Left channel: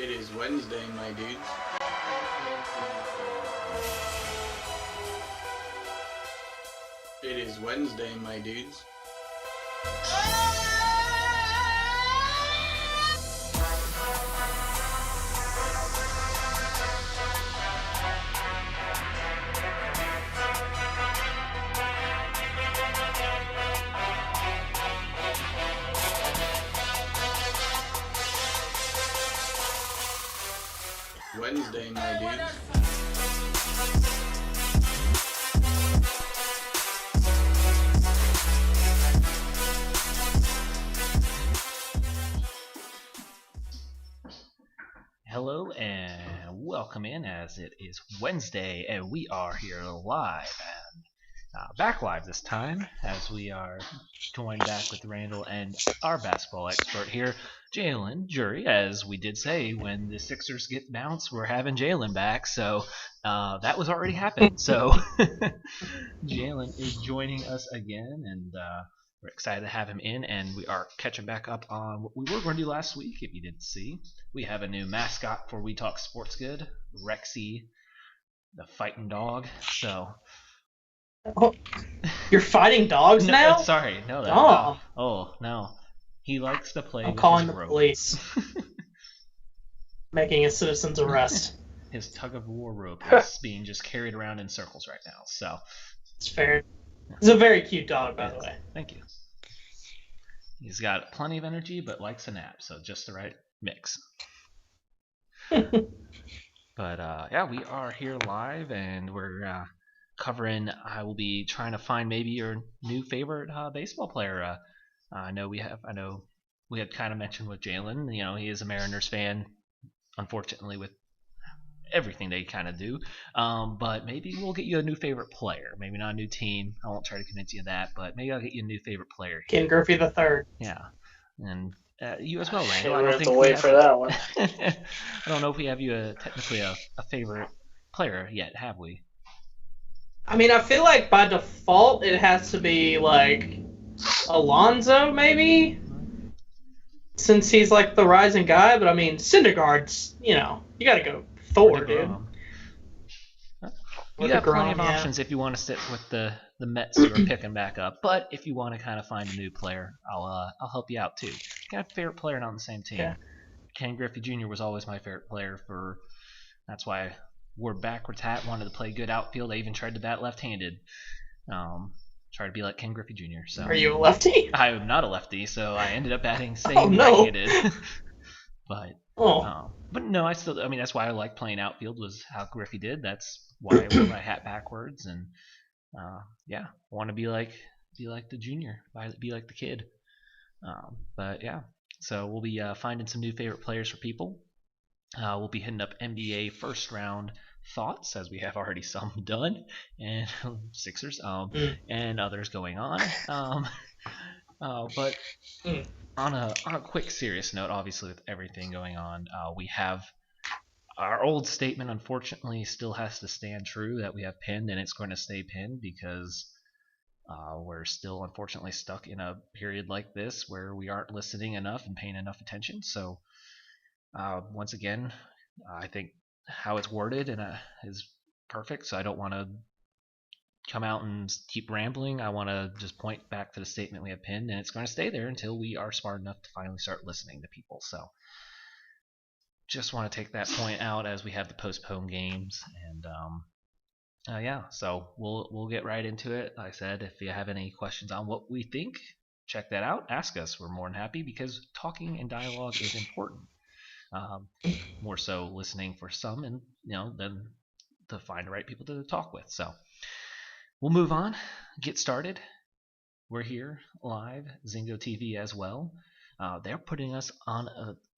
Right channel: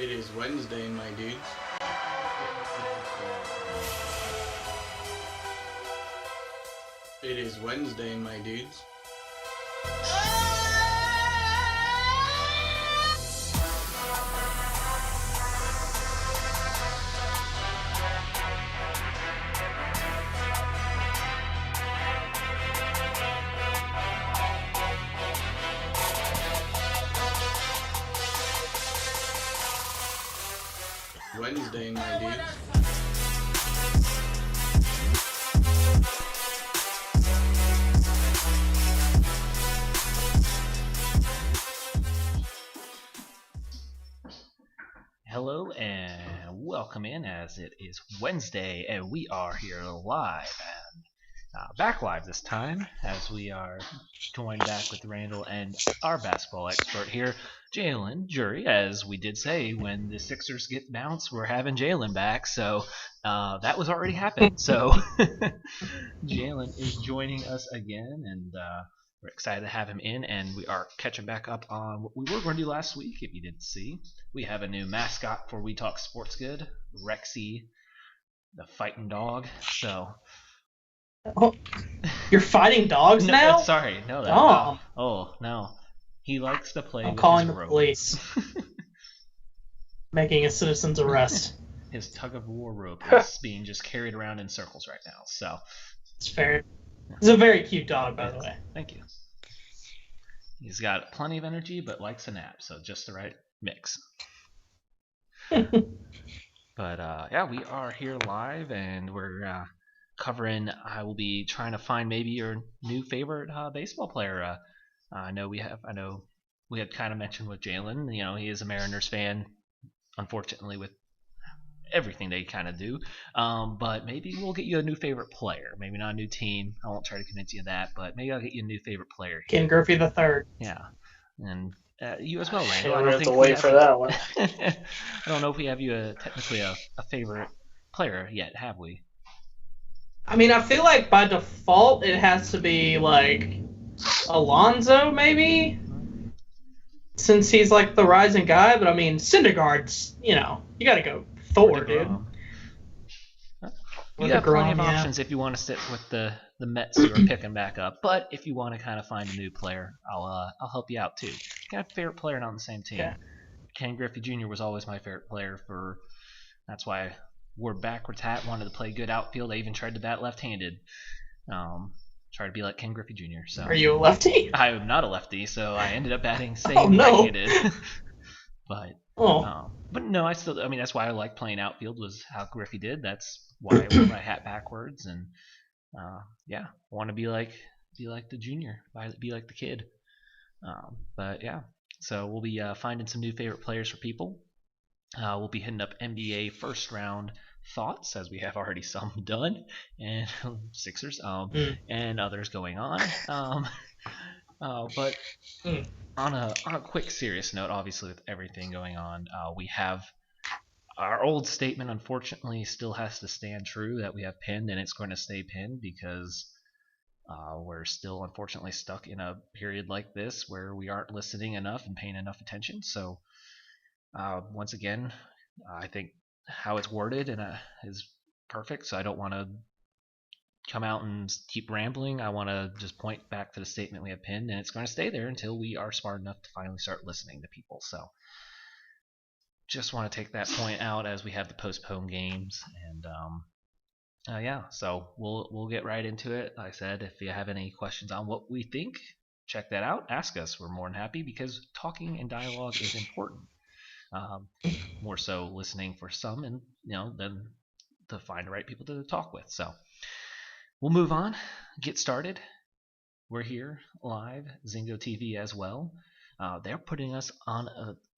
It is Wednesday, my dudes. It is Wednesday, my dudes. Wednesday, my dudes. Hello and welcome in, as it is Wednesday and we are here live and back live this time, as we are joined back with Randall and our basketball expert here, Jalen Jury. As we did say, when the Sixers get bounced, we're having Jalen back, so that was already happened. So Jalen is joining us again, and we're excited to have him in, and we are catching back up on what we were going to do last week. If you didn't see, we have a new mascot for We Talk Sports Good, Rexy, the fighting dog. So, oh, you're fighting dogs no, now? Sorry, no, that. Oh. Oh no, he likes to play I'm with calling his the rope. police. Making a citizen's arrest. His tug of war rope is being just carried around in circles right now. So, It's fair. He's a very cute dog, by the way. Thank you. He's got plenty of energy, but likes a nap, so just the right mix. But yeah, we are here live, and we're covering. I will be trying to find maybe your new favorite baseball player. I know we had kind of mentioned with Jalen. You know, he is a Mariners fan, unfortunately, with everything they kind of do. But maybe we'll get you a new favorite player. Maybe not a new team. I won't try to convince you of that, but maybe I'll get you a new favorite player. Ken Griffey III. Yeah, and you as well, Randall. Yeah, I we don't have think to we wait have for that one. I don't know if we have you technically a favorite player yet, have we? I mean, I feel like by default it has to be like Alonzo, maybe, since he's like the rising guy. But I mean, Syndergaard's, you gotta go Thor, dude. You got plenty of options if you want to stick with the Mets who are picking back up. But if you want to kind of find a new player, I'll help you out too. Got a favorite player not on the same team. Yeah. Ken Griffey Jr. was always my favorite player that's why I wore backwards hat, wanted to play good outfield. I even tried to bat left-handed. Try to be like Ken Griffey Jr. So Are you a lefty? I am not a lefty, so I ended up batting right-handed. But no, I mean, that's why I like playing outfield, was how Griffey did. That's why I wore my hat backwards, and yeah, I want to be like the junior, be like the kid. But yeah, so we'll be finding some new favorite players for people. We'll be hitting up NBA first round thoughts, as we have already some done, and Sixers, and others going on. But on a quick serious note, obviously with everything going on, we have our old statement, unfortunately, still has to stand true, that we have pinned, and it's going to stay pinned because we're still unfortunately stuck in a period like this where we aren't listening enough and paying enough attention. So once again, I think how it's worded is perfect, so I don't want to come out and keep rambling. I want to just point back to the statement we have pinned, and it's going to stay there until we are smart enough to finally start listening to people. So just want to take that point out as we have the postponed games, and yeah, so we'll get right into it. Like I said, if you have any questions on what we think, check that out. Ask us. We're more than happy, because talking and dialogue is important. More so listening for some, and then to find the right people to talk with. So we'll move on, get started. We're here live, Zingo TV as well. They're putting us on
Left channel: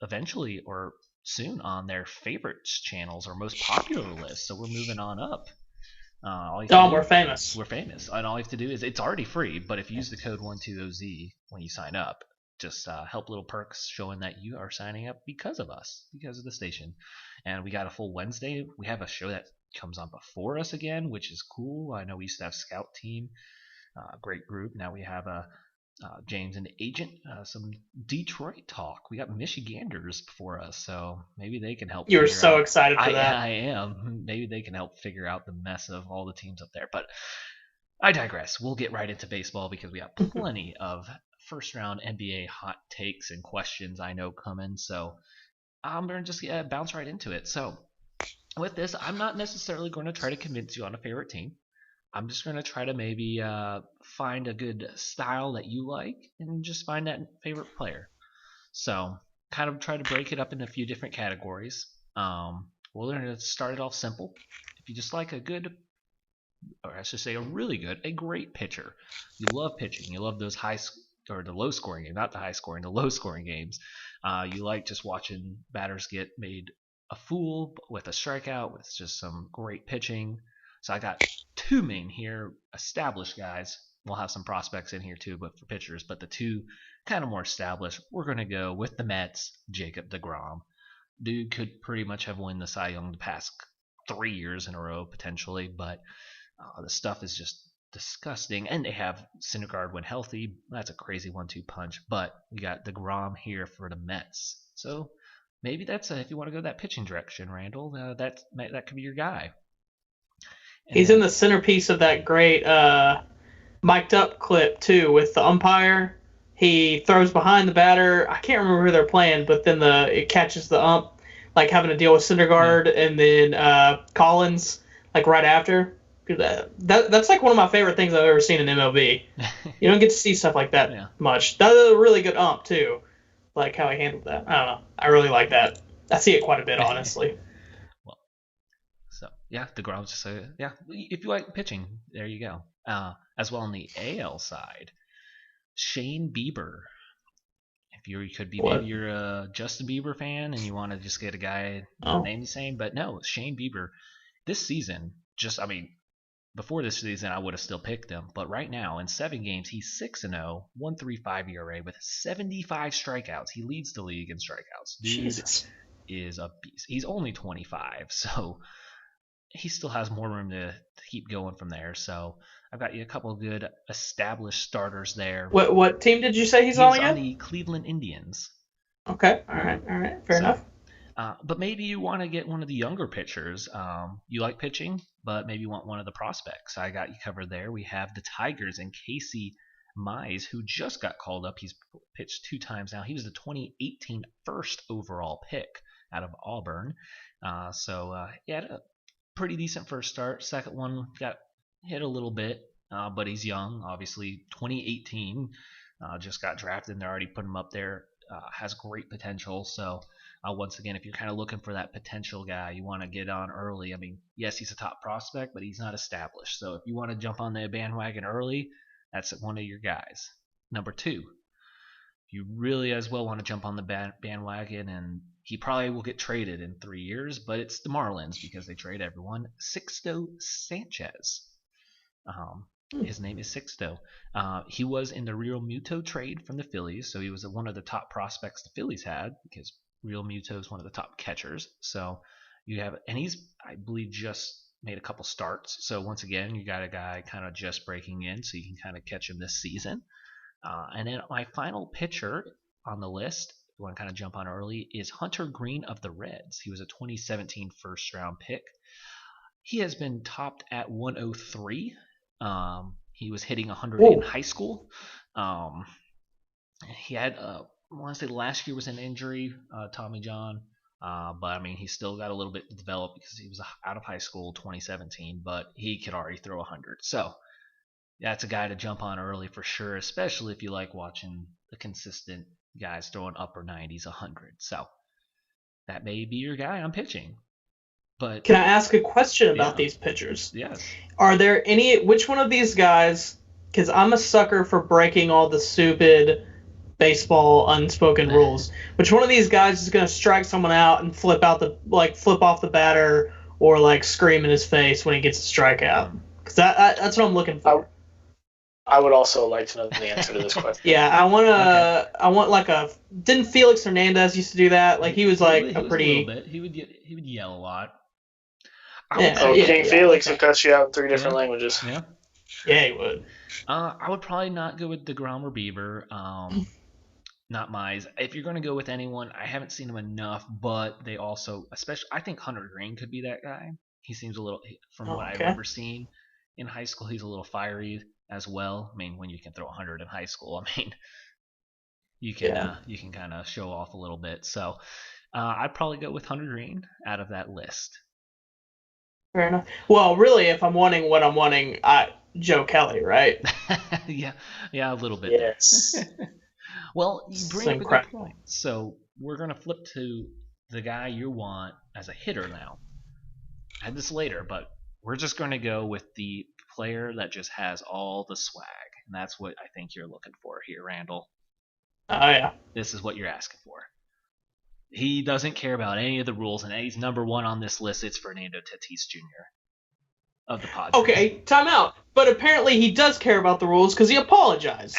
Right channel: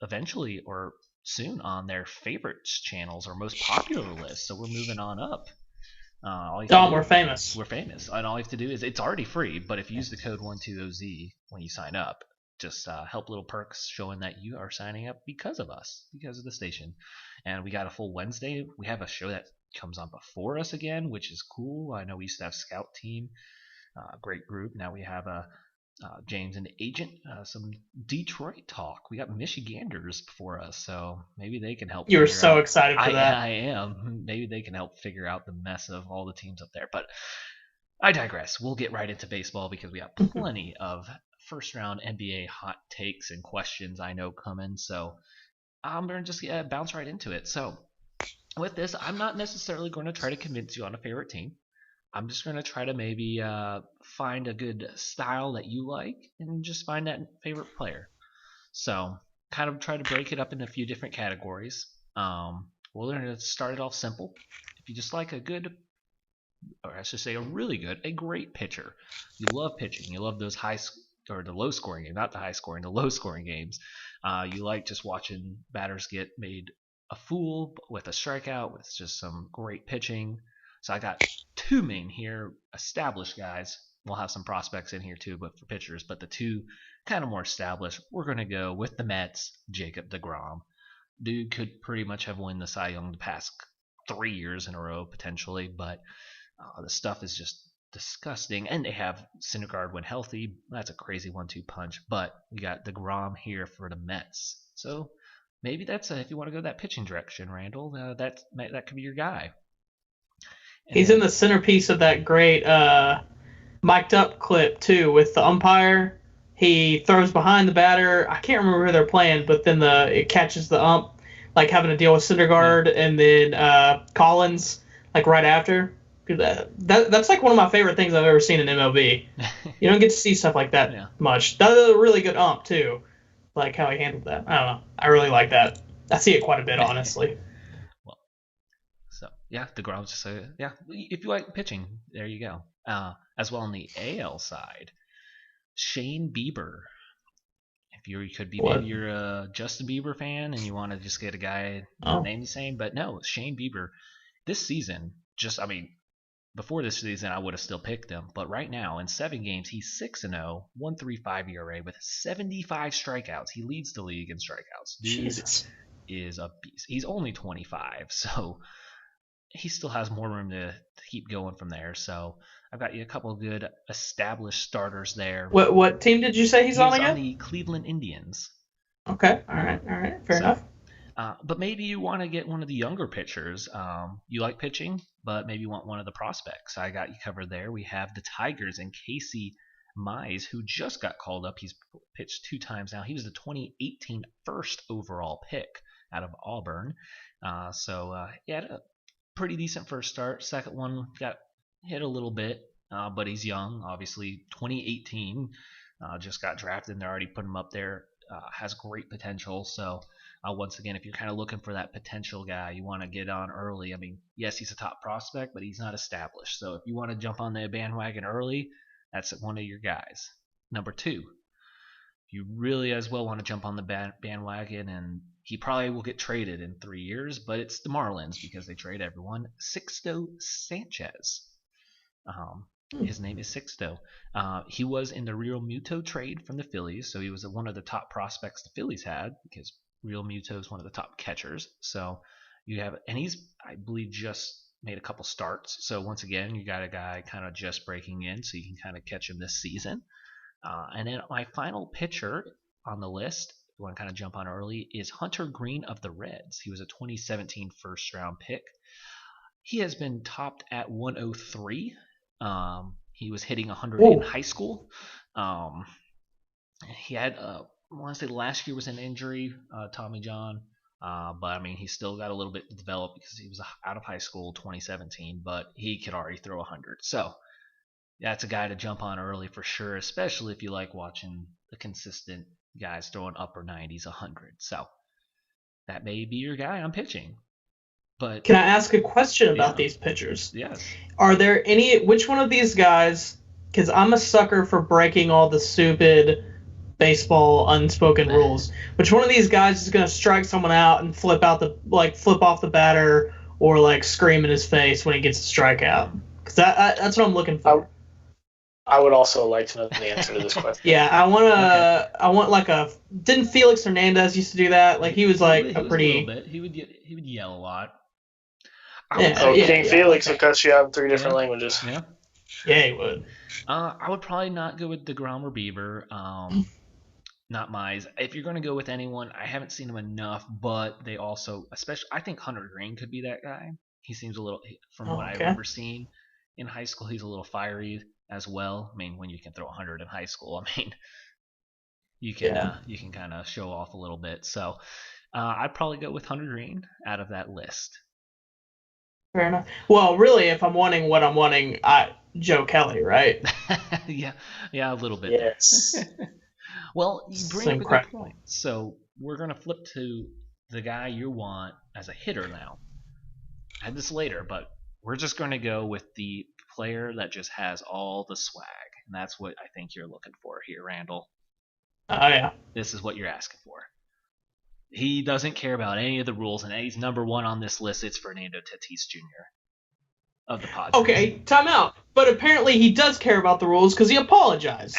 eventually or soon on their favorites channels or most popular list, so we're moving on up. We're famous. We're famous, and all you have to do is, it's already free, but if you use the code 120Z when you sign up, just help little perks showing that you are signing up because of us, because of the station. And we got a full Wednesday. We have a show that comes on before us again, which is cool. I know we used to have Scout Team, great group. Now we have a James and Agent, some Detroit talk. We got Michiganders before us, so maybe they can help. You were figure so out- excited for that. I am. Maybe they can help figure out the mess of all the teams up there. But I digress. We'll get right into baseball because we have plenty of first round NBA hot takes and questions I know coming. So I'm going to just bounce right into it. So with this, I'm not necessarily going to try to convince you on a favorite team. I'm just going to try to maybe find a good style that you like and just find that favorite player. So kind of try to break it up into a few different categories. We're going to start it off simple. If you just like a good, or I should say a great pitcher. You love pitching. You love those the low scoring games, not the high scoring, the low scoring games. You like just watching batters get made a fool with a strikeout with just some great pitching. So I got two main here, established guys. We'll have some prospects in here too, but for pitchers. But the two kind of more established, we're going to go with the Mets, Jacob deGrom. Dude could pretty much have won the Cy Young the past 3 years in a row potentially, but the stuff is just disgusting. And they have Syndergaard when healthy. That's a crazy 1-2 punch. But we got deGrom here for the Mets. So maybe that's if you want to go that pitching direction, Randall. That could be your guy. And He's in the centerpiece of that great mic'd up clip too with the umpire. He throws behind the batter. I can't remember who they're playing, but then it catches the ump, like having to deal with Syndergaard and then Collins like right after. That's like one of my favorite things I've ever seen in MLB. You don't get to see stuff like that much. That was a really good ump too, like how he handled that. I don't know. I really like that. I see it quite a bit, honestly. So yeah, deGrom's just if you like pitching, there you go. As well on the AL side, Shane Bieber. If you could be maybe you're a Justin Bieber fan and you want to just get a guy name the same, but no, Shane Bieber. This season, before this season I would have still picked him, but right now in 7 games he's 6-0, 1.35 ERA with 75 strikeouts. He leads the league in strikeouts. Dude Jesus. is a beast. He's only 25, so he still has more room to keep going from there. So I've got you a couple of good established starters there. What team did you say he's on again? On the Cleveland Indians. Okay. All right. Fair enough. But maybe you want to get one of the younger pitchers. You like pitching, but maybe you want one of the prospects. I got you covered there. We have the Tigers and Casey Mize, who just got called up. He's pitched 2 times now. He was the 2018 first overall pick out of Auburn. He had a pretty decent first start. Second one got hit a little bit, but he's young. Obviously, 2018 just got drafted, and they're already putting him up there. Has great potential. So once again, if you're kind of looking for that potential guy, you want to get on early. I mean, yes, he's a top prospect, but he's not established. So if you want to jump on the bandwagon early, that's one of your guys. Number 2, you really as well want to jump on the bandwagon, and he probably will get traded in 3 years, but it's the Marlins because they trade everyone. Sixto Sanchez. His name is Sixto. He was in the Real Muto trade from the Phillies, so he was one of the top prospects the Phillies had because Real Muto is one of the top catchers. So you have, and he's, I believe, just made a couple starts. So once again, you got a guy kind of just breaking in, so you can kind of catch him this season. And then my final pitcher on the list, if you want to kind of jump on early, is Hunter Green of the Reds. He was a 2017 first round pick. He has been topped at 103. He was hitting 100 in high school. He had, I want to say last year was an injury, Tommy John. But I mean, he still got a little bit to develop because he was out of high school 2017, but he could already throw 100. So that's a guy to jump on early for sure, especially if you like watching the consistent guys throwing upper 90s, 100. So that may be your guy on pitching. But can I ask a question about these pitchers? Yes. Are there which one of these guys, because I'm a sucker for breaking all the stupid baseball unspoken rules, which one of these guys is going to strike someone out and flip off the batter or like scream in his face when he gets a strikeout? Because that's what I'm looking for. I would also like to know the answer to this question. Yeah, I want like didn't Felix Hernandez used to do that? Like he was like he a pretty. A little bit. He would yell a lot. Yeah, King Felix, because you have 3 different languages. Yeah. Yeah, he would. I would probably not go with DeGrom or Bieber. Not Mize. If you're going to go with anyone, I haven't seen him enough, but they also, especially, I think Hunter Green could be that guy. He seems a little, from what I've Okay. ever seen in high school, he's a little fiery as well. I mean, when you can throw 100 in high school, I mean, you can kind of show off a little bit. So I'd probably go with Hunter Green out of that list. Fair enough. Well, really, if I'm wanting what I'm wanting, Joe Kelly, right? yeah, a little bit Yes. there. Well, you bring Same up a crap. good point. So we're gonna flip to the guy you want as a hitter now. I had this later, but we're just gonna go with the player that just has all the swag, and that's what I think you're looking for here, Randall. Oh yeah. This is what you're asking for. He doesn't care about any of the rules, and he's number one on this list. It's Fernando Tatis Jr. of the Padres. Okay, time out. But apparently he does care about the rules because he apologized.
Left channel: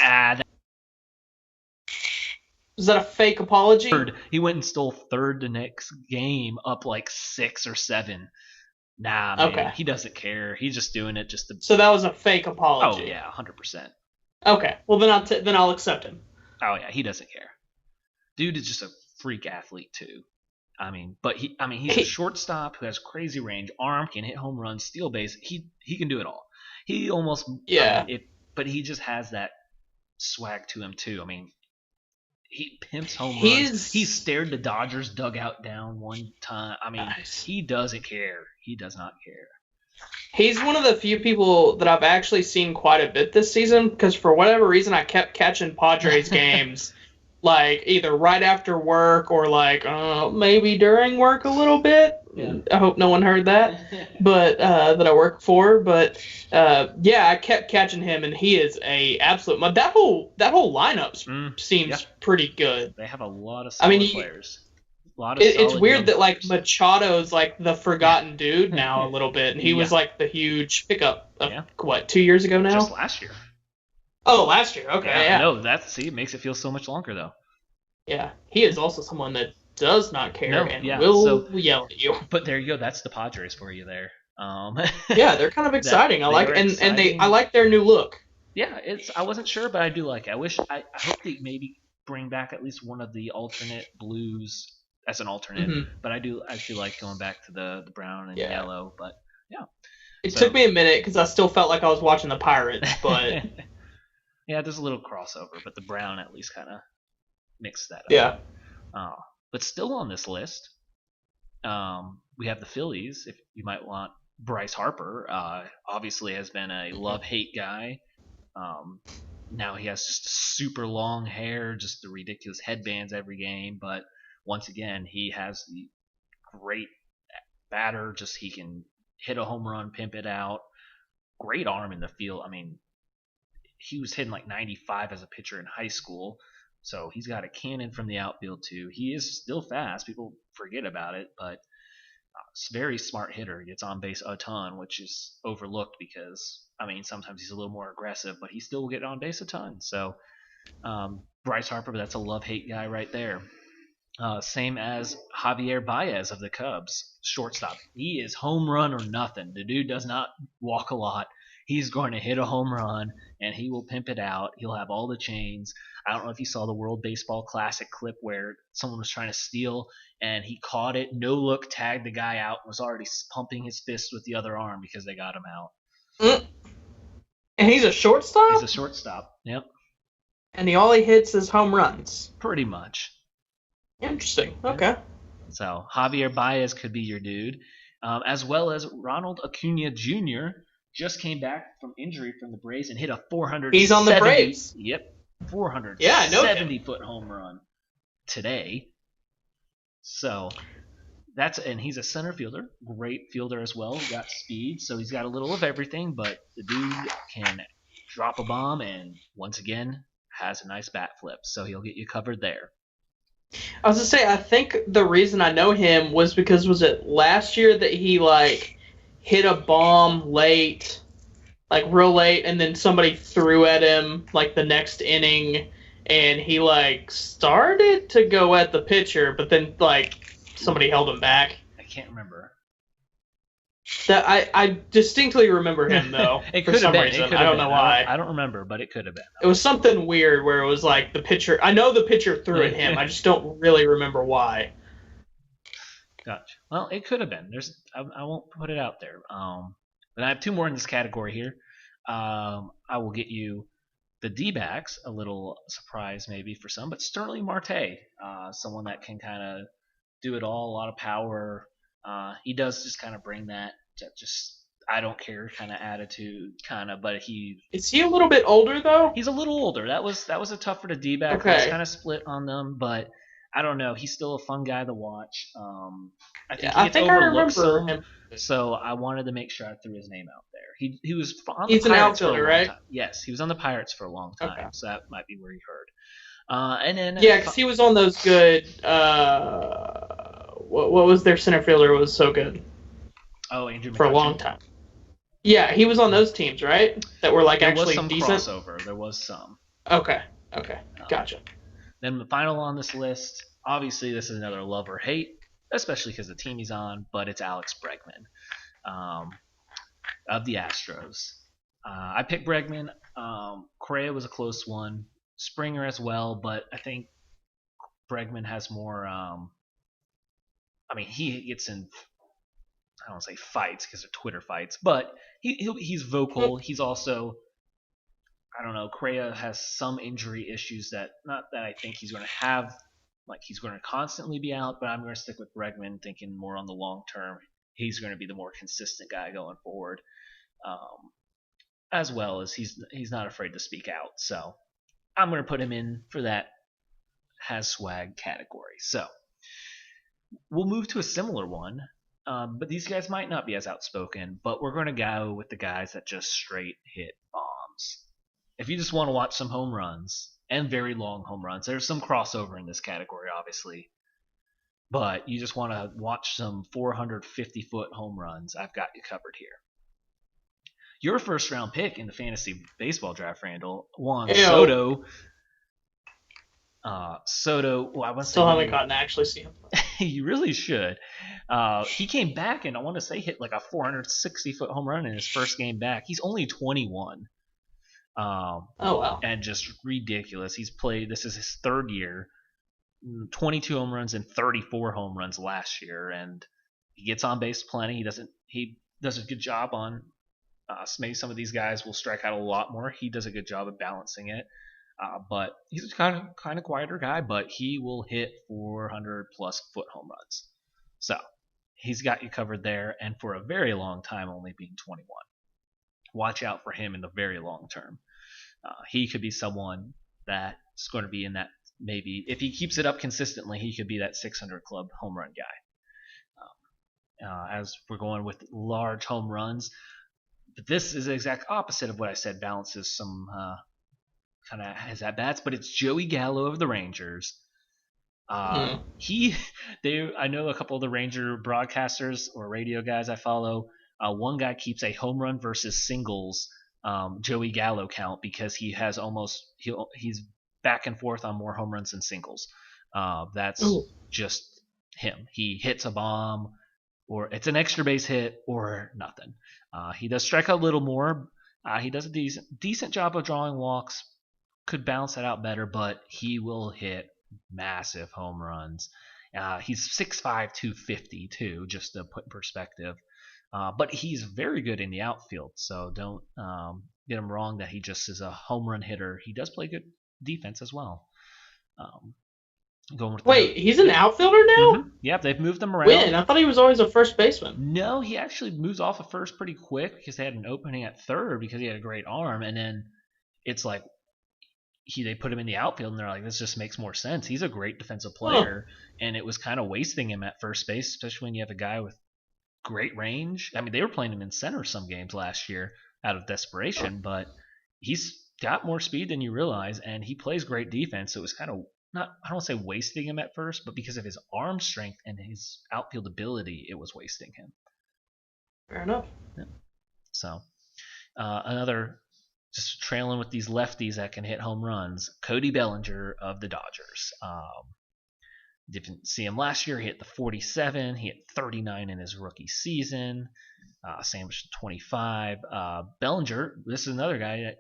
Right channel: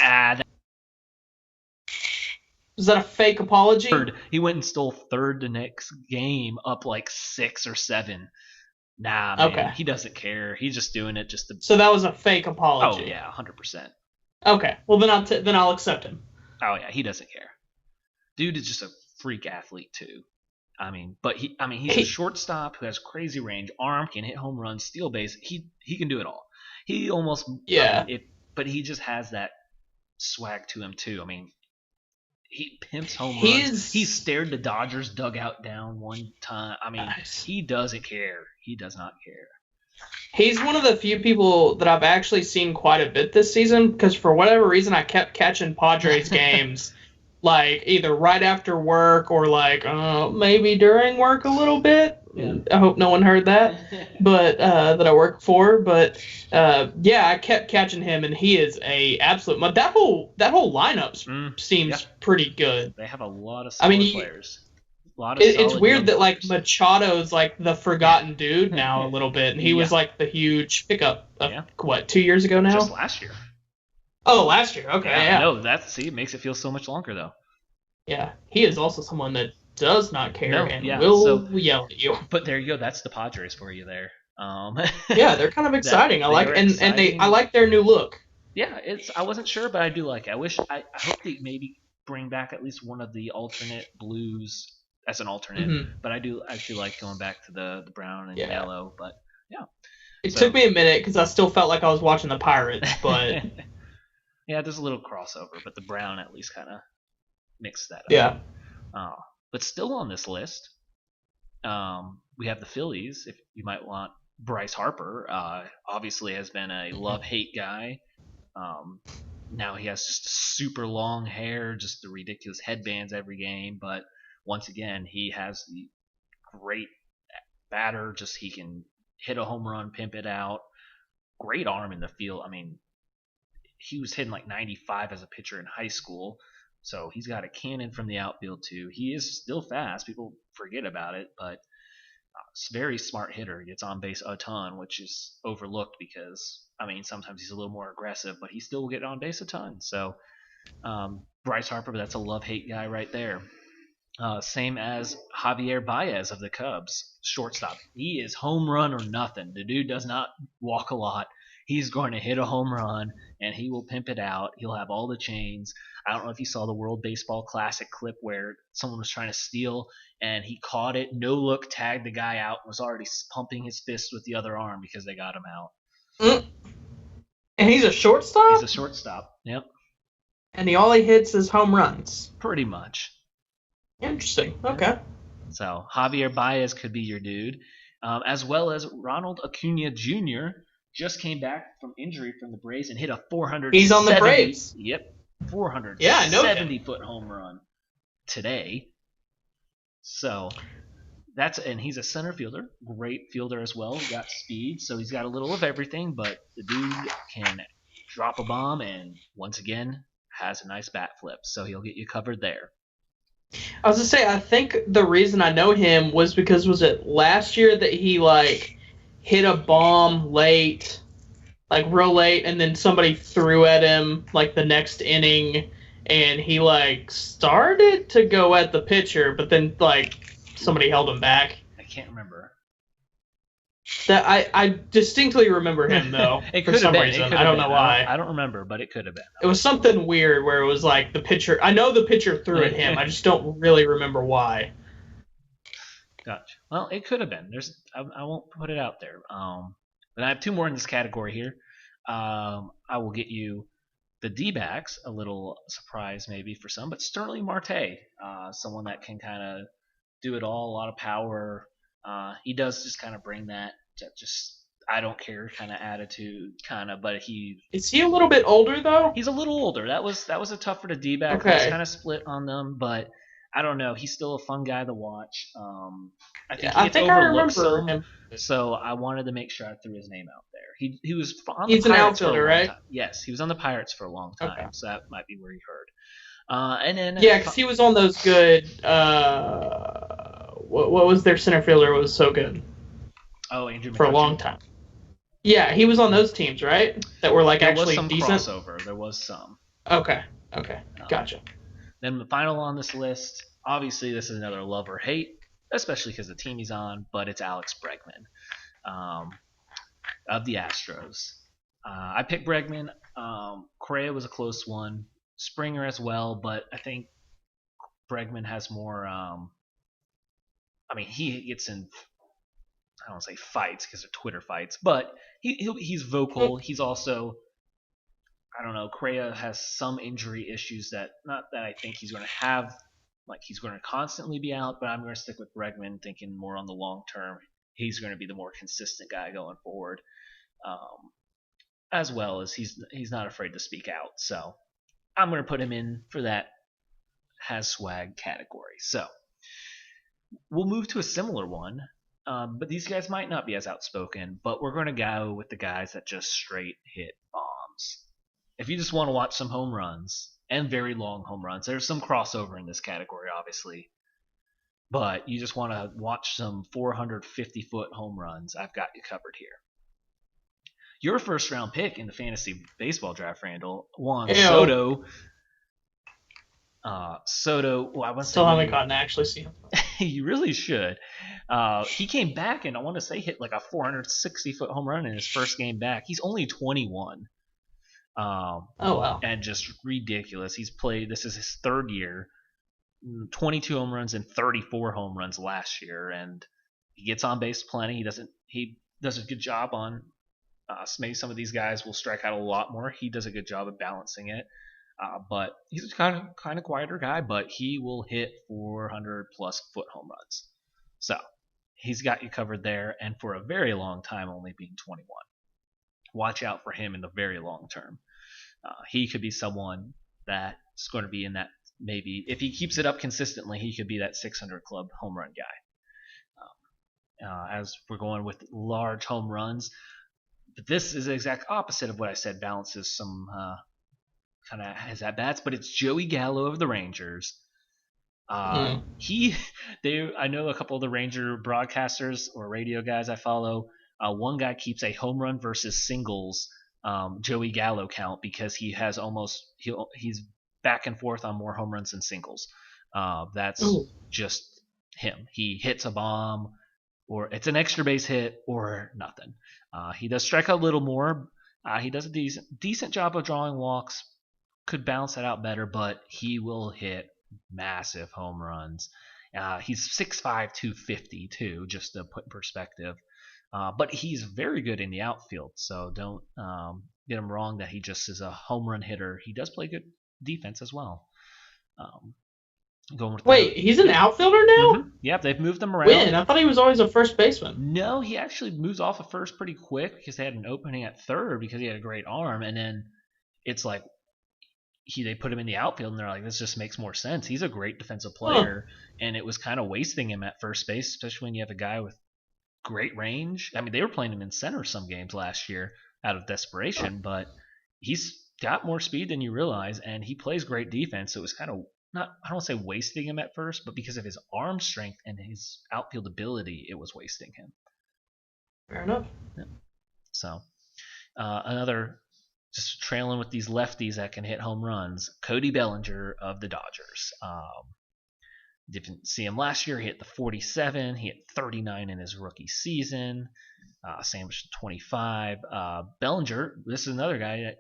Is that a fake apology? Third. He went and stole third the next game, up like 6 or 7. Nah, man, Okay. he doesn't care. He's just doing it just to. So that was a fake Oh apology. yeah, 100%. Okay. Well, then I'll accept him. Oh yeah, he doesn't care. Dude is just a freak athlete too. He's a shortstop who has crazy range, arm, can hit home runs, steal base. He can do it all. He almost Yeah. but he just has that swag to him too. I mean, he pimps home He's- runs. He stared the Dodgers dugout down one time. I mean, Nice. he doesn't care. He does not care. He's one of the few people that I've actually seen quite a bit this season because for whatever reason I kept catching Padres games like either right after work or like maybe during work a little bit. Yeah. I hope no one heard that. But that I work for, but yeah, I kept catching him, and he is a absolute. That whole lineup seems yeah. pretty good. They have a lot of I mean, solid players. A lot of It's solid weird young that like players. Machado's like the forgotten dude now a little bit, and he was Yeah. like the huge pickup. Yeah. What, 2 years ago now? Just last year. Oh, last year. Okay, yeah. No, it makes it feel so much longer though. Yeah, he is also someone that does not care No, and yeah, will so- yell at you. But there you go. That's the Padres for you there. Yeah, they're kind of exciting. I they like are and exciting. I like their new look. Yeah, I wasn't sure, but I do like it. I hope they maybe bring back at least one of the alternate blues as an alternate. Mhm. But I do like going back to the brown and Yeah. yellow. But It So- took me a minute because I still felt like I was watching the Pirates, but yeah, there's a little crossover, but the brown at least kind of mixed that up. yeah. But still on this list, we have the Phillies. If you might want Bryce Harper, obviously has been a love-hate guy. Now he has just super long hair, just the ridiculous headbands every game. But once again, he has the great batter. Just he can hit a home run, pimp it out. Great arm in the field. I mean, he was hitting like 95 as a pitcher in high school. So he's got a cannon from the outfield too. He is still fast. People forget about it, but very smart hitter. He gets on base a ton, which is overlooked because I mean sometimes he's a little more aggressive, but he still will get on base a ton. So Bryce Harper, that's a love-hate guy right there. Same as Javier Baez of the Cubs, shortstop. He is home run or nothing. The dude does not walk a lot. He's going to hit a home run, and he will pimp it out. He'll have all the chains. I don't know if you saw the World Baseball Classic clip where someone was trying to steal, and he caught it, no look, tagged the guy out, and was already pumping his fist with the other arm because they got him out. And he's a shortstop, He's a shortstop. Yep, and all he hits is home runs. pretty much. Interesting. Okay. So Javier Baez could be your dude, as well as Ronald Acuna Jr. just came back from injury from the Braves and hit a 470. He's on the Braves. Yep, 470 Yeah, I know him. foot home run today. So and he's a center fielder, great fielder as well. Got speed, so he's got a little of everything. But the dude can drop a bomb, and once again has a nice bat flip, so he'll get you covered there. I was gonna say, I think the reason I know him was because was it last year that he like hit a bomb late, like real late, and then somebody threw at him like the next inning, and he like started to go at the pitcher, but then like somebody held him back. I can't remember. That I distinctly remember him though. It for could have some been. reason. It could I have don't been. know why. I don't remember, but it could have been. It was something weird where it was like the pitcher. I know the pitcher threw at him. I just don't really remember why. Gotcha. Well, it could have been. I won't put it out there. But I have two more in this category here. I will get you the D-backs, a little surprise maybe for some, but Sterling Marte, someone that can kind of do it all, a lot of power. He does just kind of bring that just I don't care kind of attitude, kind of, but Is he a little bit older though? he's a little older. That was a tougher to D-back. Okay. I was kind of split on them, but I don't know. He's still a fun guy to watch. I think he gets overlooked some, him. so I wanted to make sure I threw his name out there. He was on He's the an Pirates for a outfielder, long right? time. Yes, he was on the Pirates for a long time, Okay. so that might be where he heard. And then Yeah, because he was on those good. What was their center fielder was so good Andrew for a McCutcheon. long time. Yeah, he was on those teams, right? That were like There actually was some decent. crossover. There was some. Okay, Um, gotcha. Then the final on this list, obviously this is another love or hate, especially because the team he's on, but it's Alex Bregman of the Astros. I picked Bregman. Correa was a close one. Springer as well, but I think Bregman has more. He gets in. I don't want to say fights because they're Twitter fights, but he's vocal. He's also, I don't know, Correa has some injury issues that not that I think he's going to have, like he's going to constantly be out, but I'm going to stick with Bregman, thinking more on the long term. He's going to be the more consistent guy going forward, as well as he's not afraid to speak out. So I'm going to put him in for that has swag category. So we'll move to a similar one. But these guys might not be as outspoken, but we're going to go with the guys that just straight hit bombs. If you just want to watch some home runs and very long home runs, there's some crossover in this category, obviously. But you just want to watch some 450-foot home runs, I've got you covered here. Your first round pick in the fantasy baseball draft, Randall, Juan Ew. Soto. Well, I want to Still say haven't gotten to actually see him. you really should. He came back and I want to say hit like a 460-foot home run in his first game back. He's only 21. Oh wow. And just ridiculous. He's played. This is his third year. 22 home runs and 34 home runs last year, and he gets on base plenty. He does a good job on. Maybe some of these guys will strike out a lot more. He does a good job of balancing it. But he's a kind of quieter guy, but he will hit 400 plus foot home runs. So he's got you covered there, and for a very long time, only being 21. Watch out for him in the very long term. He could be someone that's going to be in that, maybe if he keeps it up consistently, he could be that 600 club home run guy. As we're going with large home runs, but this is the exact opposite of what I said. Balances some kind of has at bats, but it's Joey Gallo of the Rangers. I know a couple of the Ranger broadcasters or radio guys I follow. One guy keeps a home run versus singles Joey Gallo count because he has he's back and forth on more home runs than singles. That's just him. He hits a bomb, or it's an extra base hit, or nothing. He does strike out a little more. He does a decent job of drawing walks. Could balance that out better, but he will hit massive home runs. He's 6'5", 250 too, just to put in perspective. But he's very good in the outfield, so don't get him wrong that he just is a home run hitter. He does play good defense as well. He's an outfielder now? Mm-hmm. Yep, they've moved him around. When? I thought he was always a first baseman. No, he actually moves off of first pretty quick because they had an opening at third because he had a great arm, and then it's like they put him in the outfield and they're like, this just makes more sense. He's a great defensive player, and it was kind of wasting him at first base, especially when you have a guy with great range. I mean, they were playing him in center some games last year out of desperation, but he's got more speed than you realize, and he plays great defense. So it was kind of I don't want to say wasting him at first, but because of his arm strength and his outfield ability, it was wasting him. Fair enough. Yeah. So another, just trailing with these lefties that can hit home runs, Cody Bellinger of the Dodgers. Didn't see him last year. He hit the 47. He hit 39 in his rookie season. Sandwich 25. Bellinger, this is another guy that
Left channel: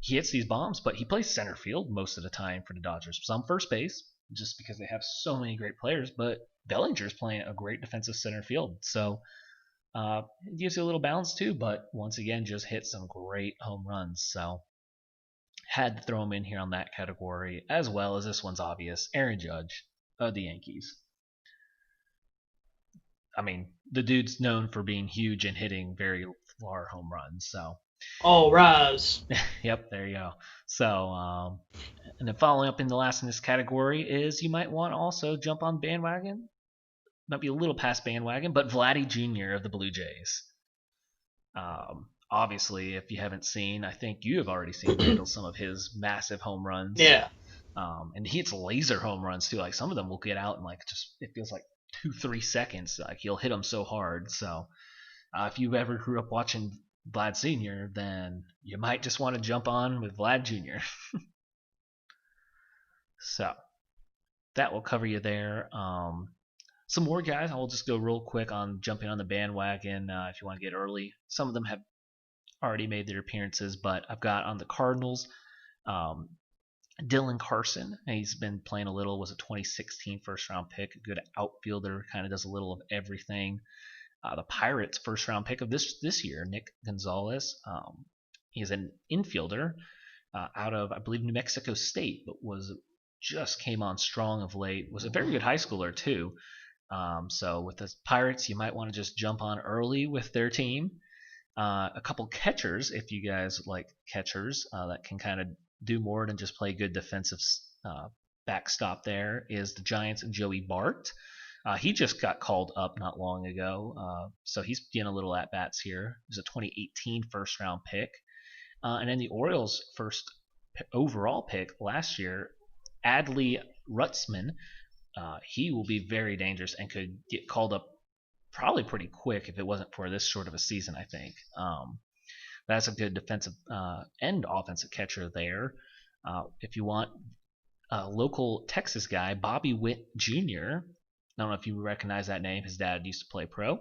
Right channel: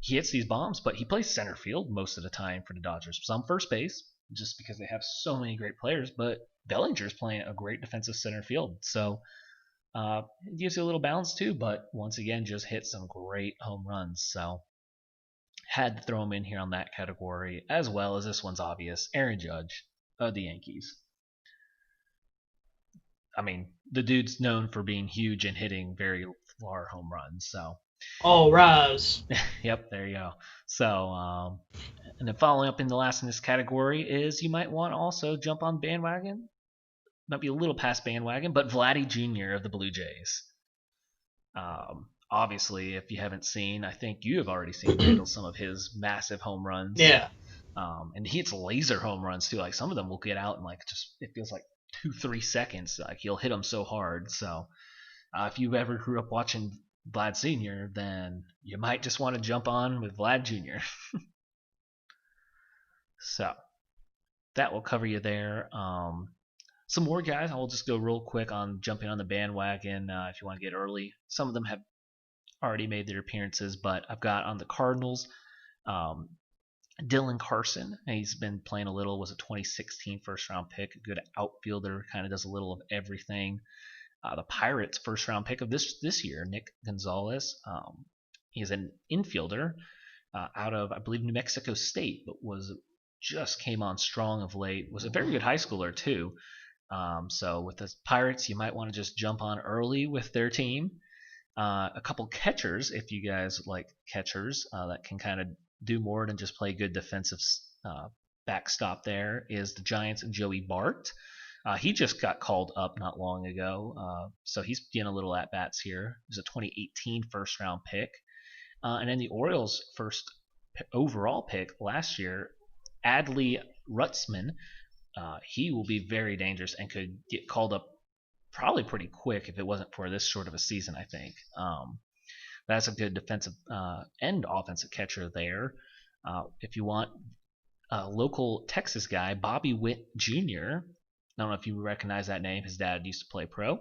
he hits these bombs, but he plays center field most of the time for the Dodgers. Some first base, just because they have so many great players, but Bellinger's playing a great defensive center field. So it gives you a little balance too, but once again, just hit some great home runs. So had to throw him in here on that category, as well as this one's obvious, Aaron Judge of the Yankees. I mean, the dude's known for being huge and hitting very far home runs. So, All rise. yep, there you go. So, and then following up in the last in this category is you might want to also jump on bandwagon. Might be a little past bandwagon, but Vladdy Jr. of the Blue Jays. Obviously, if you haven't seen, I think you have already seen Randall some of his massive home runs. Yeah. And he hits laser home runs too. Like some of them will get out in like just it feels like 2-3 seconds. Like he'll hit them so hard. So if you ever grew up watching Vlad Sr., then you might just want to jump on with Vlad Jr. So that will cover you there. Some more guys. I'll just go real quick on jumping on the bandwagon if you want to get early. Some of them have already made their appearances, but I've got on the Cardinals Dylan Carson. He's been playing a little, was a 2016 first round pick, a good outfielder, kind of does a little of everything. The Pirates first round pick of this year, Nick Gonzalez. He's an infielder out of, I believe, New Mexico State, but just came on strong of late. Was a very good high schooler too. So with the Pirates, you might want to just jump on early with their team. A couple catchers, if you guys like catchers, that can kind of do more than just play good defensive backstop there, is the Giants and Joey Bart. He just got called up not long ago, so he's getting a little at-bats here. He was a 2018 first-round pick. And then the Orioles' first overall pick last year, Adley Rutzman, he will be very dangerous and could get called up probably pretty quick if it wasn't for this short of a season, I think. That's a good defensive and offensive catcher there. If you want a local Texas guy, Bobby Witt Jr., I don't know if you recognize that name. His dad used to play pro.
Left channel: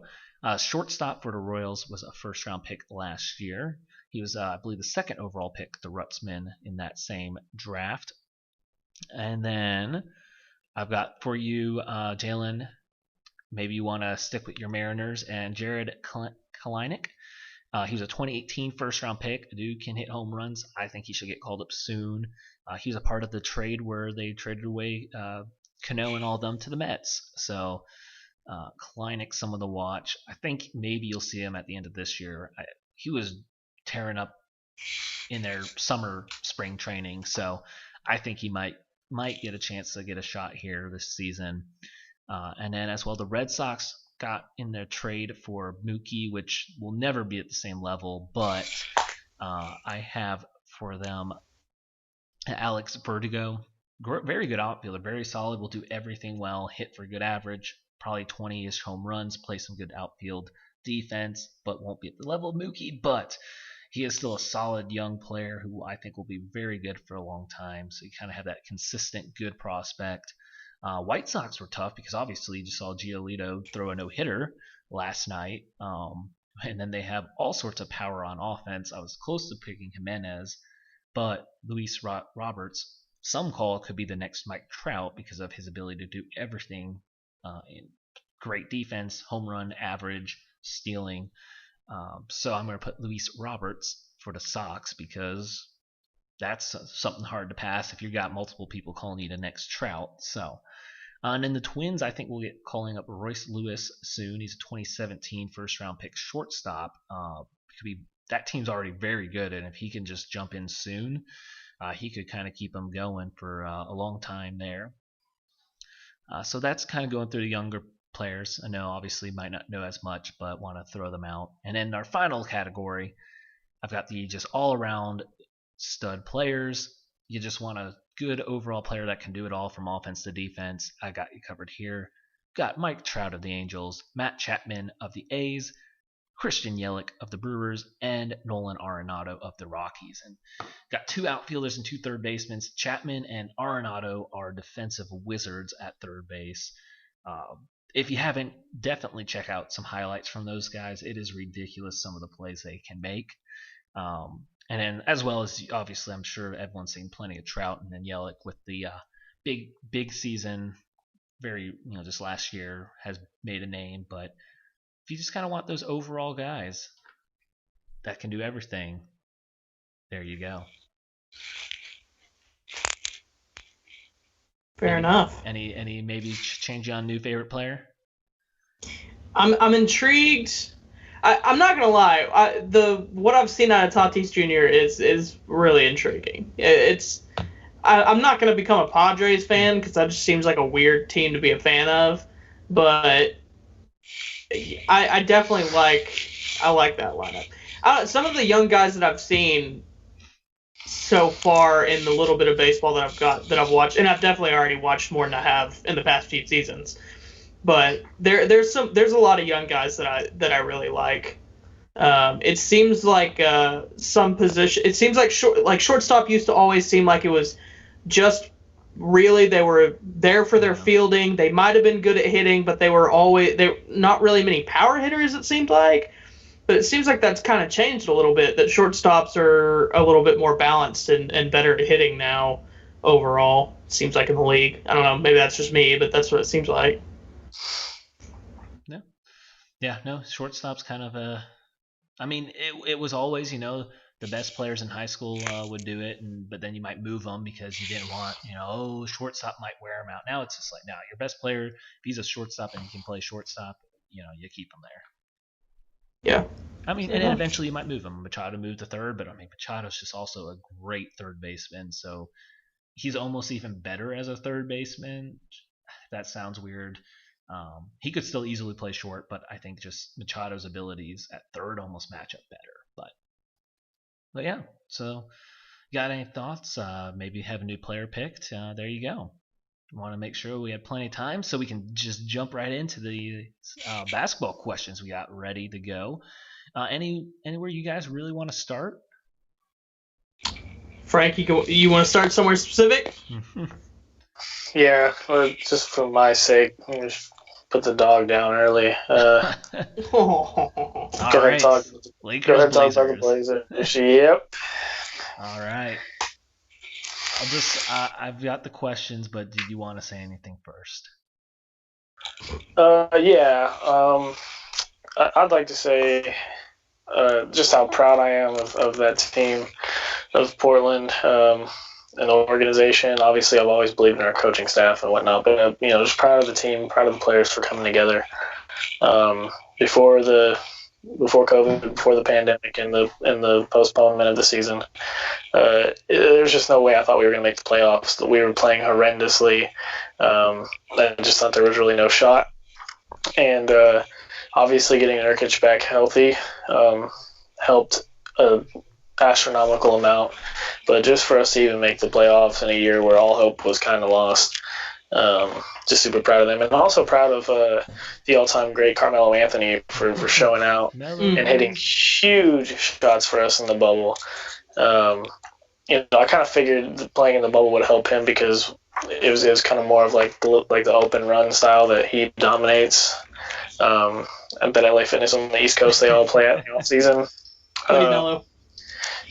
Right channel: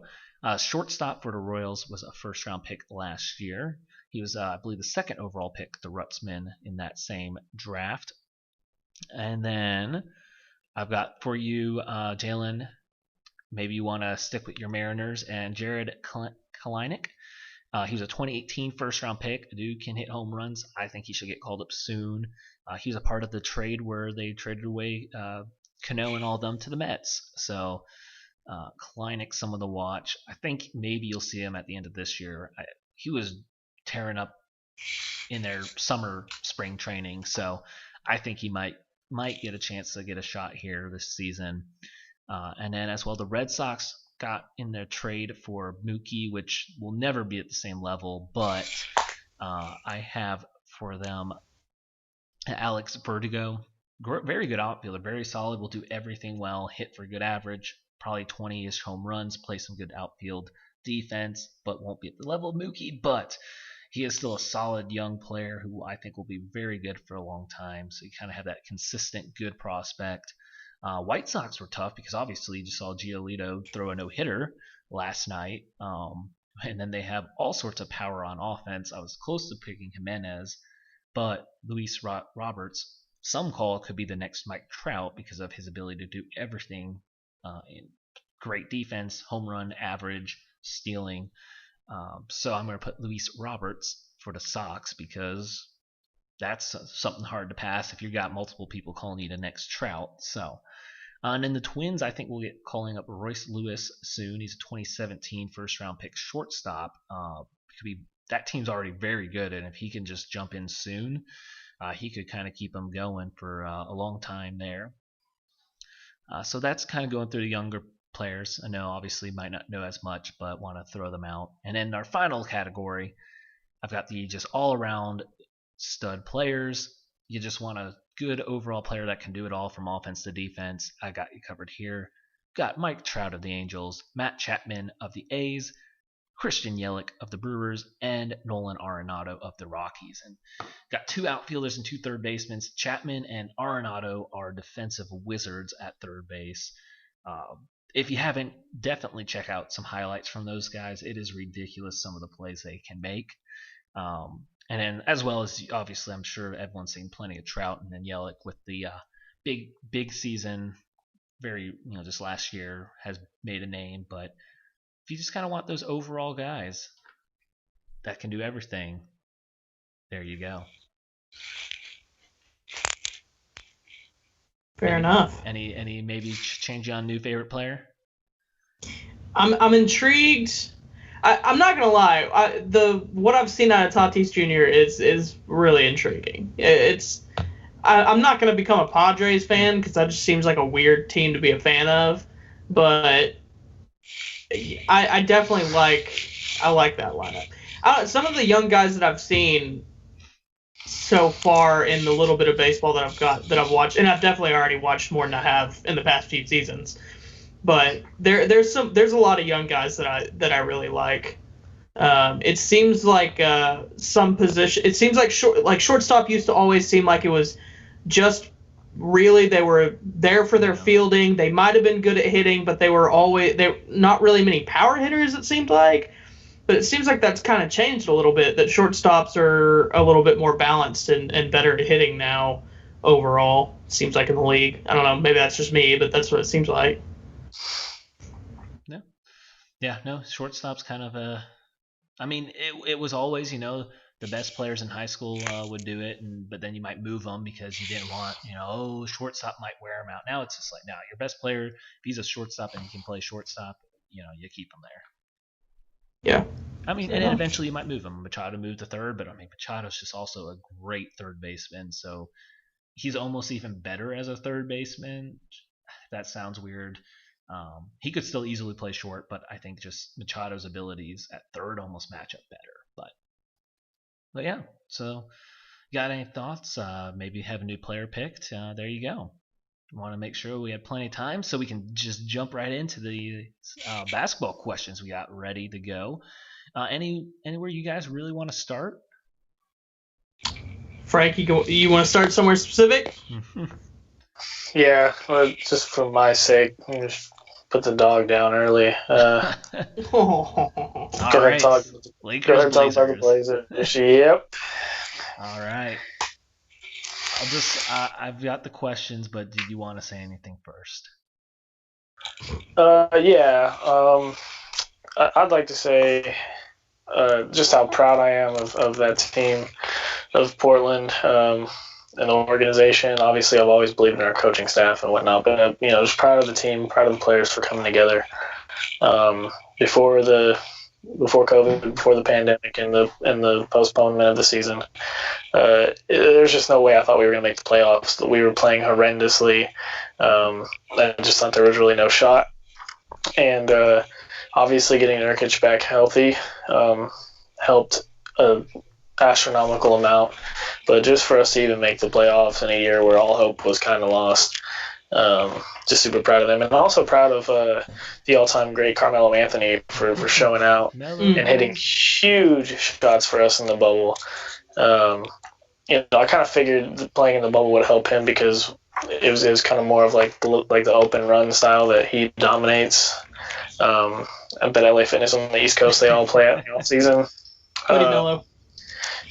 Shortstop for the Royals, was a first-round pick last year. He was, I believe, the second overall pick, the Rutzman, in that same draft. And then I've got for you, Jalen, maybe you want to stick with your Mariners, and Jared Kalanick. He was a 2018 first-round pick. A dude can hit home runs. I think he should get called up soon. He was a part of the trade where they traded away Cano and all of them to the Mets. So Kalanick, someone to watch. I think maybe you'll see him at the end of this year. He was tearing up in their spring training, so I think he might get a chance to get a shot here this season. And then as well, the Red Sox got in their trade for Mookie, which will never be at the same level, but I have for them Alex Verdugo. Very good outfielder, very solid, will do everything well, hit for a good average, probably 20-ish home runs, play some good outfield defense, but won't be at the level of Mookie, but he is still a solid young player who I think will be very good for a long time, so you kind of have that consistent good prospect. White Sox were tough because obviously you just saw Giolito throw a no-hitter last night, and then they have all sorts of power on offense. I was close to picking Jimenez, but Luis Roberts, some call it could be the next Mike Trout because of his ability to do everything in great defense, home run, average, stealing. So I'm going to put Luis Roberts for the Sox because that's something hard to pass if you've got multiple people calling you the next Trout. So, and then the Twins, I think we'll get calling up Royce Lewis soon. He's a 2017 first-round pick shortstop. That team's already very good, and if he can just jump in soon, he could kind of keep them going for a long time there. So that's kind of going through the younger players. I know obviously might not know as much, but want to throw them out. And then our final category, I've got the just all-around stud players. You just want a good overall player that can do it all from offense to defense. I got you covered here. Got Mike Trout of the Angels, Matt Chapman of the A's, Christian Yelich of the Brewers, and Nolan Arenado of the Rockies. And got 2 outfielders and 2 third basemen. Chapman and Arenado are defensive wizards at third base. If you haven't, definitely check out some highlights from those guys. It is ridiculous some of the plays they can make. And then, as well as, obviously, I'm sure everyone's seen plenty of Trout, and then Yelich with the big season, just last year has made a name. But if you just kind of want those overall guys that can do everything, there you go. Fair enough. Any maybe change on new favorite player? I'm intrigued. I'm not gonna lie. What I've seen out of Tatis Jr. is really intriguing. I'm not gonna become a Padres fan because that just seems like a weird team to be a fan of, but I definitely like that lineup. Some of the young guys that I've seen so far in the little bit of baseball that I've watched, and I've definitely already watched more than I have in the past few seasons. But there's a lot of young guys that I really like. It seems like some position. It seems like shortstop used to always seem like it was just really they were there for their fielding. They might have been good at hitting, but they were not really many power hitters. It seemed like. But it seems like that's kind of changed a little bit, that shortstops are a little bit more balanced and better at hitting now overall, seems like, in the league. I don't know, maybe that's just me, but that's what it seems like. No, shortstop's kind of it was always, the best players in high school would do it, but then you might move them because you didn't want, shortstop might wear them out. Now it's just like, your best player, if he's a shortstop and he can play shortstop, you keep him there. Yeah. And then eventually you might move him. Machado moved to third, but Machado's just also a great third baseman, so he's almost even better as a third baseman. That sounds weird. He could still easily play short, but I think just Machado's abilities at third almost match up better. But yeah, so got any thoughts? Maybe have a new player picked. There you go. Want to make sure we have plenty of time so we can just jump right into the basketball questions we got ready to go. Anywhere you guys really want to start? Frank, you want to start somewhere specific? Yeah, well, just for my sake, let me just put the dog down early. All right, Lakers, Blazers. Yep. All right. I've got the questions, but did you want to say anything first? Yeah. I'd like to say just how proud I am of that team, of Portland, and the organization. Obviously, I've always believed in our coaching staff and whatnot, but just proud of the team, proud of the players for coming together. Before COVID, before the pandemic, and the postponement of the season, there's just no way I thought we were going to make the playoffs. We were playing horrendously. I just thought there was really no shot. And obviously getting Nurkic back healthy helped an astronomical amount. But just for us to even make the playoffs in a year where all hope was kind of lost, just super proud of them. And also proud of the all-time great Carmelo Anthony for showing out and hitting huge shots for us in the bubble. I kind of figured playing in the bubble would help him because it was kind of more of like the open run style that he dominates. I bet LA Fitness on the East Coast, they all play at the off-season. Hoodie Mello.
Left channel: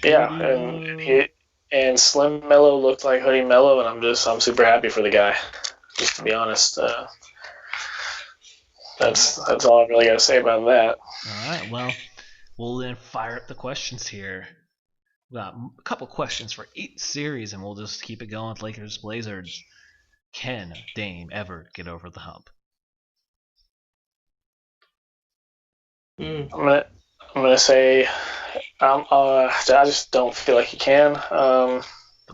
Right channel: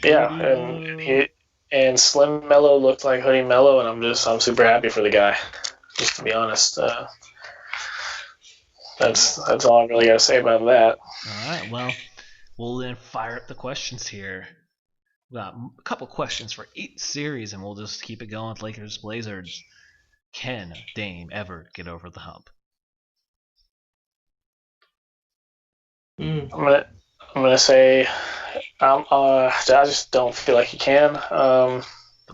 Yeah, and Slim Mello looked like Hoodie Mello, and I'm super happy for the guy. Just to be honest, that's all I really got to say about that. All right, well, we'll then fire up the questions here. We got a couple questions for each series, and we'll just keep it going with Lakers Blazers. Can Dame ever get over the hump? I'm gonna say I just don't feel like he can. The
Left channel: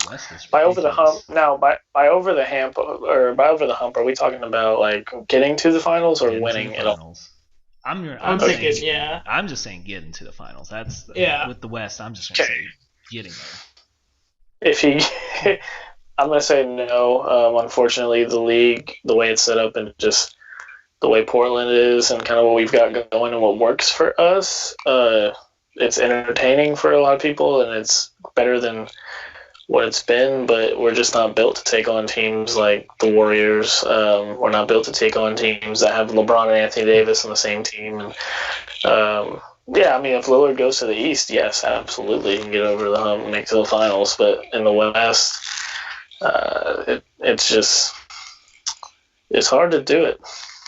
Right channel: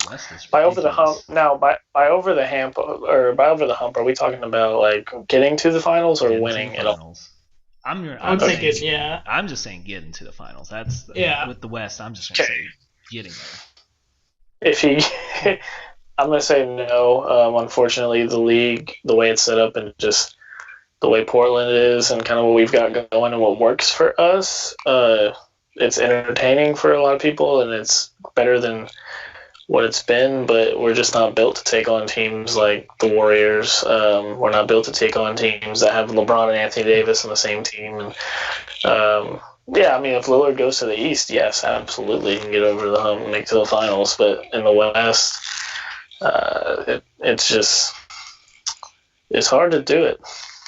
West is by over the hump. Now, by over the hump, are we talking about like getting to the finals or winning it all? I'm saying, yeah. I'm just saying getting to the finals. That's with the West. I'm just gonna say getting there. If he, I'm gonna say no. Unfortunately, the league, the way it's set up, and just the way Portland is and kind of what we've got going and what works for us, it's entertaining for a lot of people and it's better than what it's been, but we're just not built to take on teams like the Warriors. We're not built to take on teams that have LeBron and Anthony Davis on the same team. And yeah, I mean, if Lillard goes to the East, yes, absolutely, he can get over the hump and make it to the finals. But in the West, it's hard to do it.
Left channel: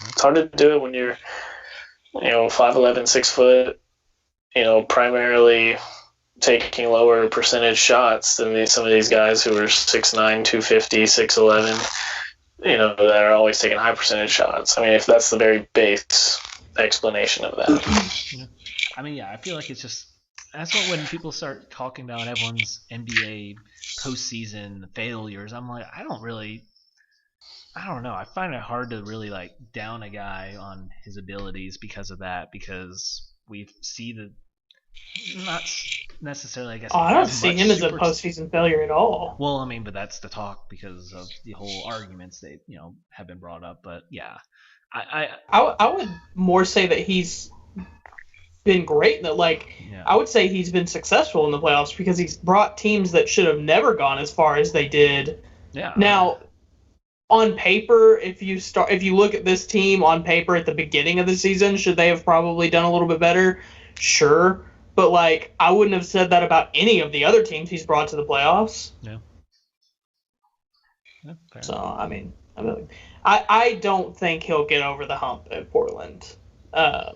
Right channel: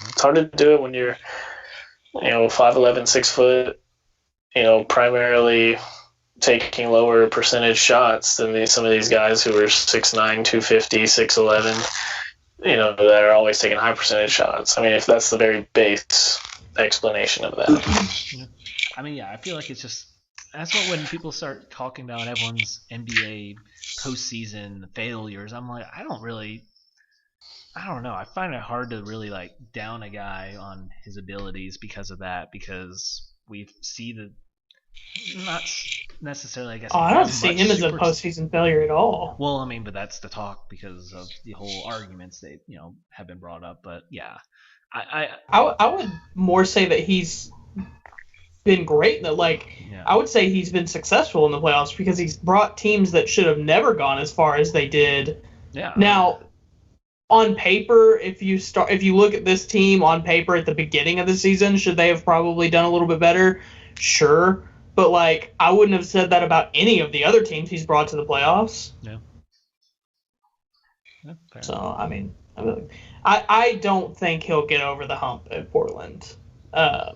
It's hard to do it when you're, 5'11", 6 foot, primarily taking lower percentage shots than some of these guys who are 6'9", 250, 6'11", that are always taking high percentage shots. I mean, if that's the very base explanation of that. Yeah. I mean, yeah, I feel like that's what when people start talking about everyone's NBA postseason failures, I'm like, I don't know. I find it hard to really like down a guy on his abilities because of that, because we see the not necessarily, I guess. I don't see him as a postseason failure at all. Well, I mean, but that's the talk because of the whole arguments that have been brought up. But yeah, I would more say that he's been great. That I would say he's been successful in the playoffs because he's brought teams that should have never gone as far as they did. Yeah. Now, on paper, if you look at this team on paper at the beginning of the season, should they have probably done a little bit better? Sure. But, I wouldn't have said that about any of the other teams he's brought to the playoffs. Yeah. Fair. So, I mean, I don't think he'll get over the hump at Portland. At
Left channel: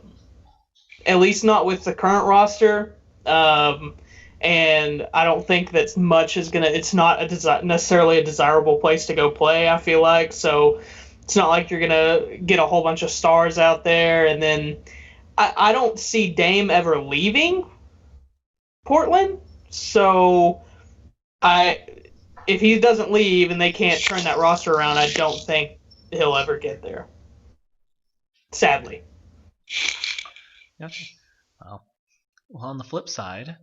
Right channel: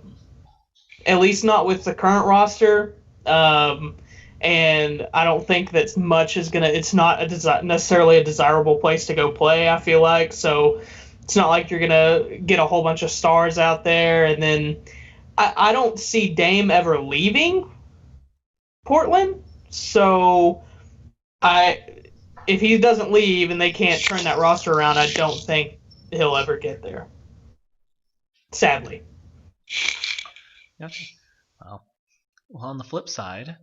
least not with the current roster. And I don't think that much is going to – it's not necessarily a desirable place to go play, I feel like. So, it's not like you're going to get a whole bunch of stars out there and then – I don't see Dame ever leaving Portland, so if he doesn't leave and they can't turn that roster around, I don't think he'll ever get there. Sadly. Gotcha. Well, on the flip side,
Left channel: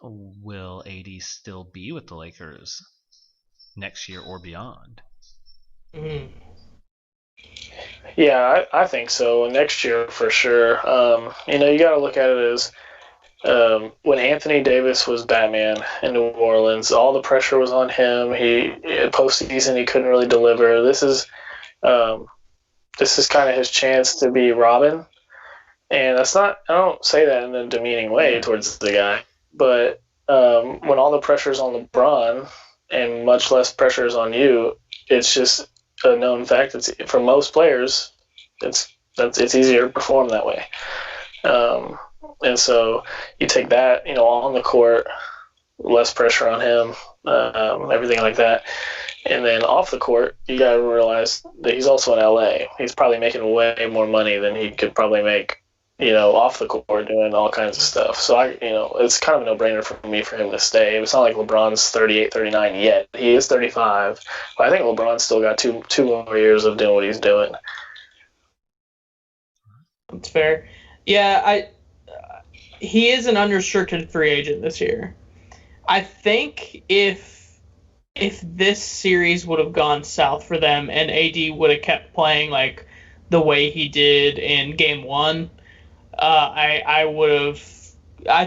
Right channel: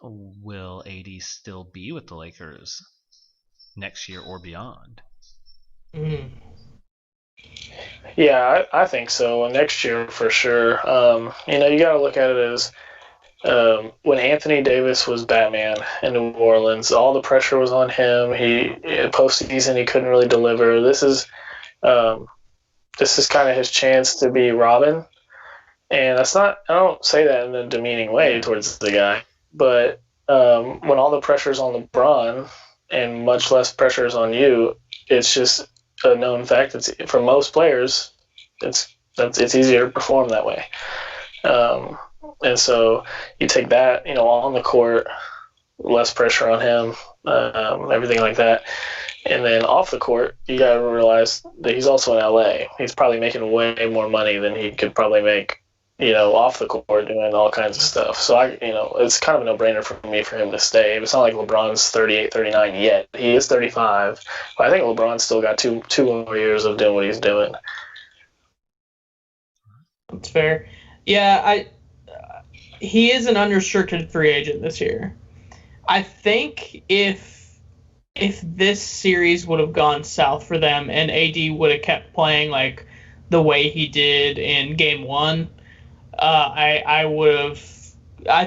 will AD still be with the Lakers next year or beyond? Mm. Yeah, I think so. Next year for sure. You got to look at it as when Anthony Davis was Batman in New Orleans, all the pressure was on him. Postseason he couldn't really deliver. This is kind of his chance to be Robin, and that's not. I don't say that in a demeaning way towards the guy, but when all the pressure's on LeBron and much less pressure is on you, it's just a known fact. It's for most players, it's easier to perform that way. And so you take that, on the court, less pressure on him, everything like that. And then off the court, you got to realize that he's also in LA. He's probably making way more money than he could probably make, off the court doing all kinds of stuff. So it's kind of a no-brainer for me for him to stay. It's not like LeBron's 38, 39 yet. He is 35, but I think LeBron's still got two more years of doing what he's doing. That's fair. Yeah, he is an unrestricted free agent this year. I think if this series would have gone south for them and AD would have kept playing like the way he did in Game 1, I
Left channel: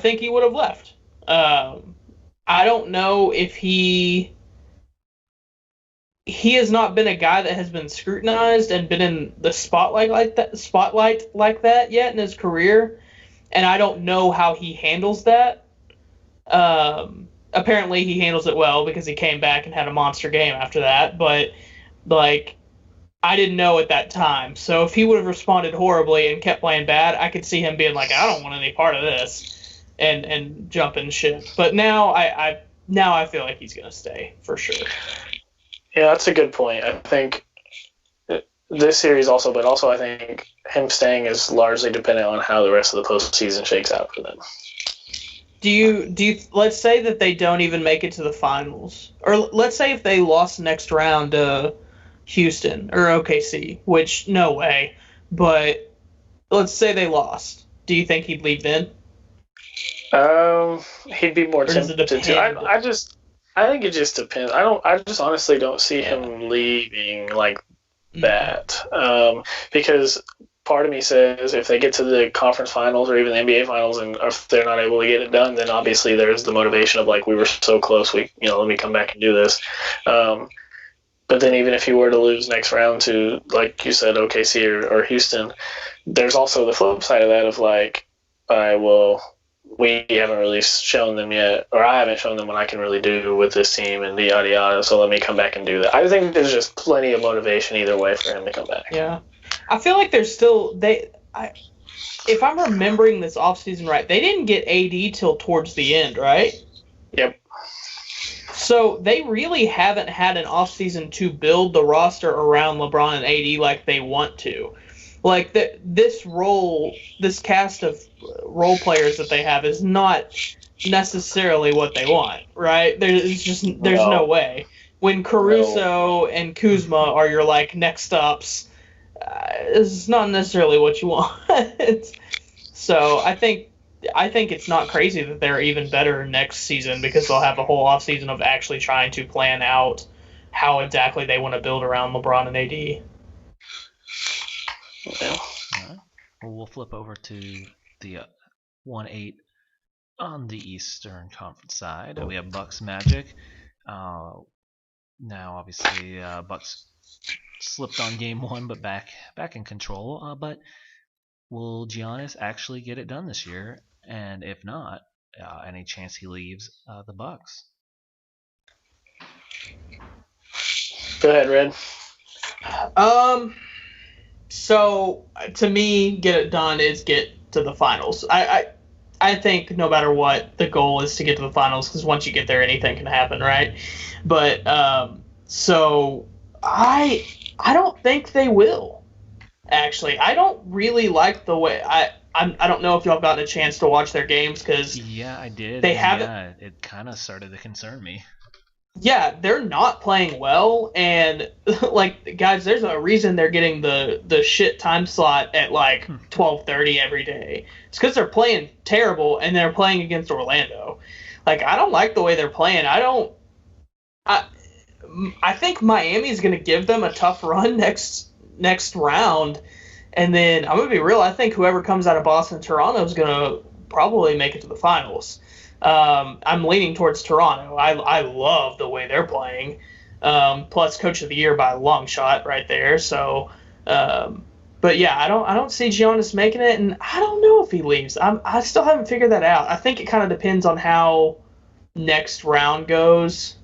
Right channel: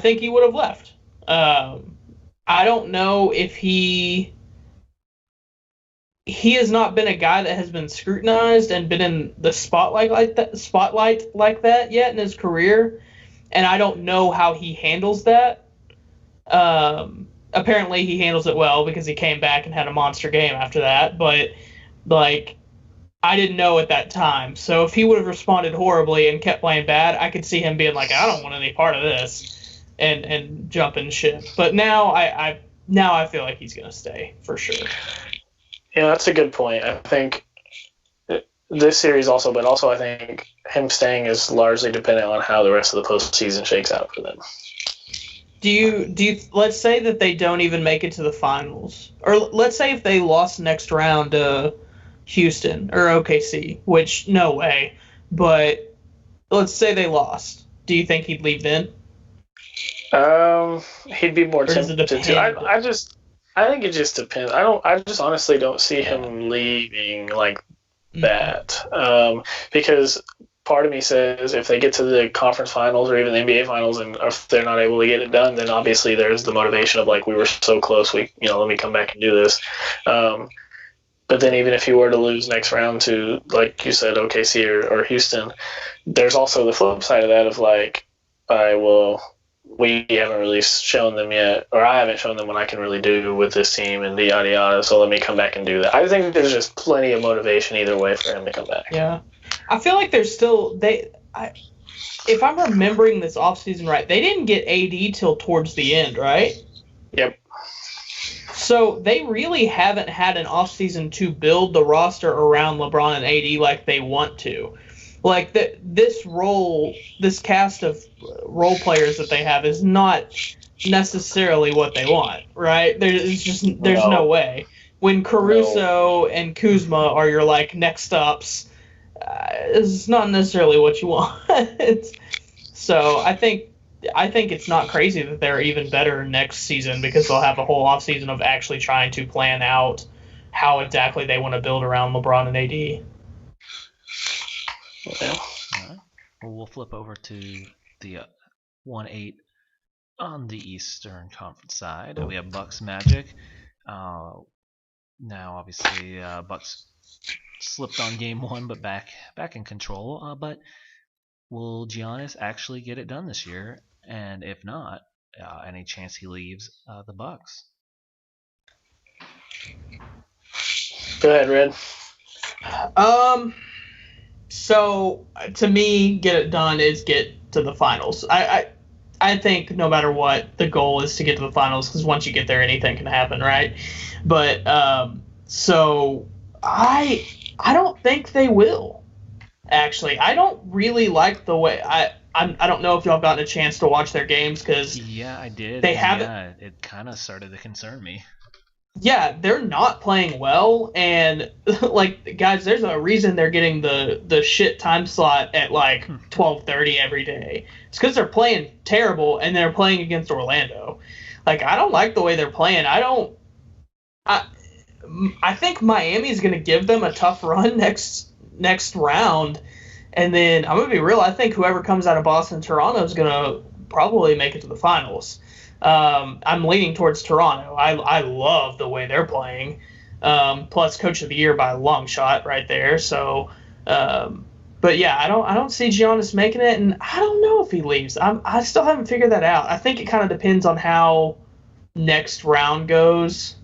think he would have left. I don't know if he has not been a guy that has been scrutinized and been in the spotlight like that yet in his career, and I don't know how he handles that. Apparently he handles it well because he came back and had a monster game after that, but I didn't know at that time. So if he would have responded horribly and kept playing bad, I could see him being like, I don't want any part of this, and jumping ship. But now I feel like he's gonna stay for sure. Yeah, that's a good point. I think this series also, but also I think him staying is largely dependent on how the rest of the postseason shakes out for them. Do you let's say that they don't even make it to the finals, or let's say if they lost next round to Houston or OKC, which no way, but let's say they lost. Do you think he'd leave then? He'd be more tempted to. I think it just depends. I just honestly don't see him leaving like that. Because part of me says if they get to the conference finals or even the NBA finals and if they're not able to get it done, then obviously there's the motivation of like, we were so close, let me come back and do this. But then even if you were to lose next round to, like you said, OKC or Houston, there's also the flip side of that of like, all right, well, we haven't really shown them yet, or I haven't shown them what I can really do with this team and yada yada, so let me come back and do that. I think there's just plenty of motivation either way for him to come back. Yeah. I feel like there's still if I'm remembering this offseason right, they didn't get AD till towards the end, right? Yep. So they really haven't had an offseason to build the roster around LeBron and AD like they want to. Like this cast of role players that they have is not necessarily what they want, right? There's no way. When Caruso and Kuzma are your like next ups, it's not necessarily what you want. So I think it's not crazy that they're even better next season because they'll have a whole offseason of actually trying to plan out how exactly they want to build around LeBron and AD. Yeah. All right. Well, we'll flip over to the 1-8 on the Eastern Conference side. We have Bucks Magic. Now, obviously, Bucks slipped on game 1, but back in control. But will Giannis actually get it done this year? And if not, any chance he leaves the Bucks? Go ahead, Red. So to me, get it done is get to the finals. I think no matter what, the goal is to get to the finals because once you get there, anything can happen, right? But so I don't think they will. Actually, I don't really like the way I don't know if y'all gotten a chance to watch their games because I did. They haven't. Yeah, it kind of started to concern me. Yeah, they're not playing well, and like guys, there's a reason they're getting the shit time slot at like 12:30 every day. It's because they're playing terrible and they're playing against Orlando. Like I don't like the way they're playing. I think Miami's gonna give them a tough run next round, and then I'm gonna be real. I think whoever comes out of Boston, Toronto is gonna probably make it to the finals. I'm leaning towards Toronto. I love the way they're playing. Plus Coach of the Year by a long shot right there. So, but yeah, I don't see Giannis making it, and I don't know if he leaves. I still haven't figured that out. I think it kind of depends on how next round goes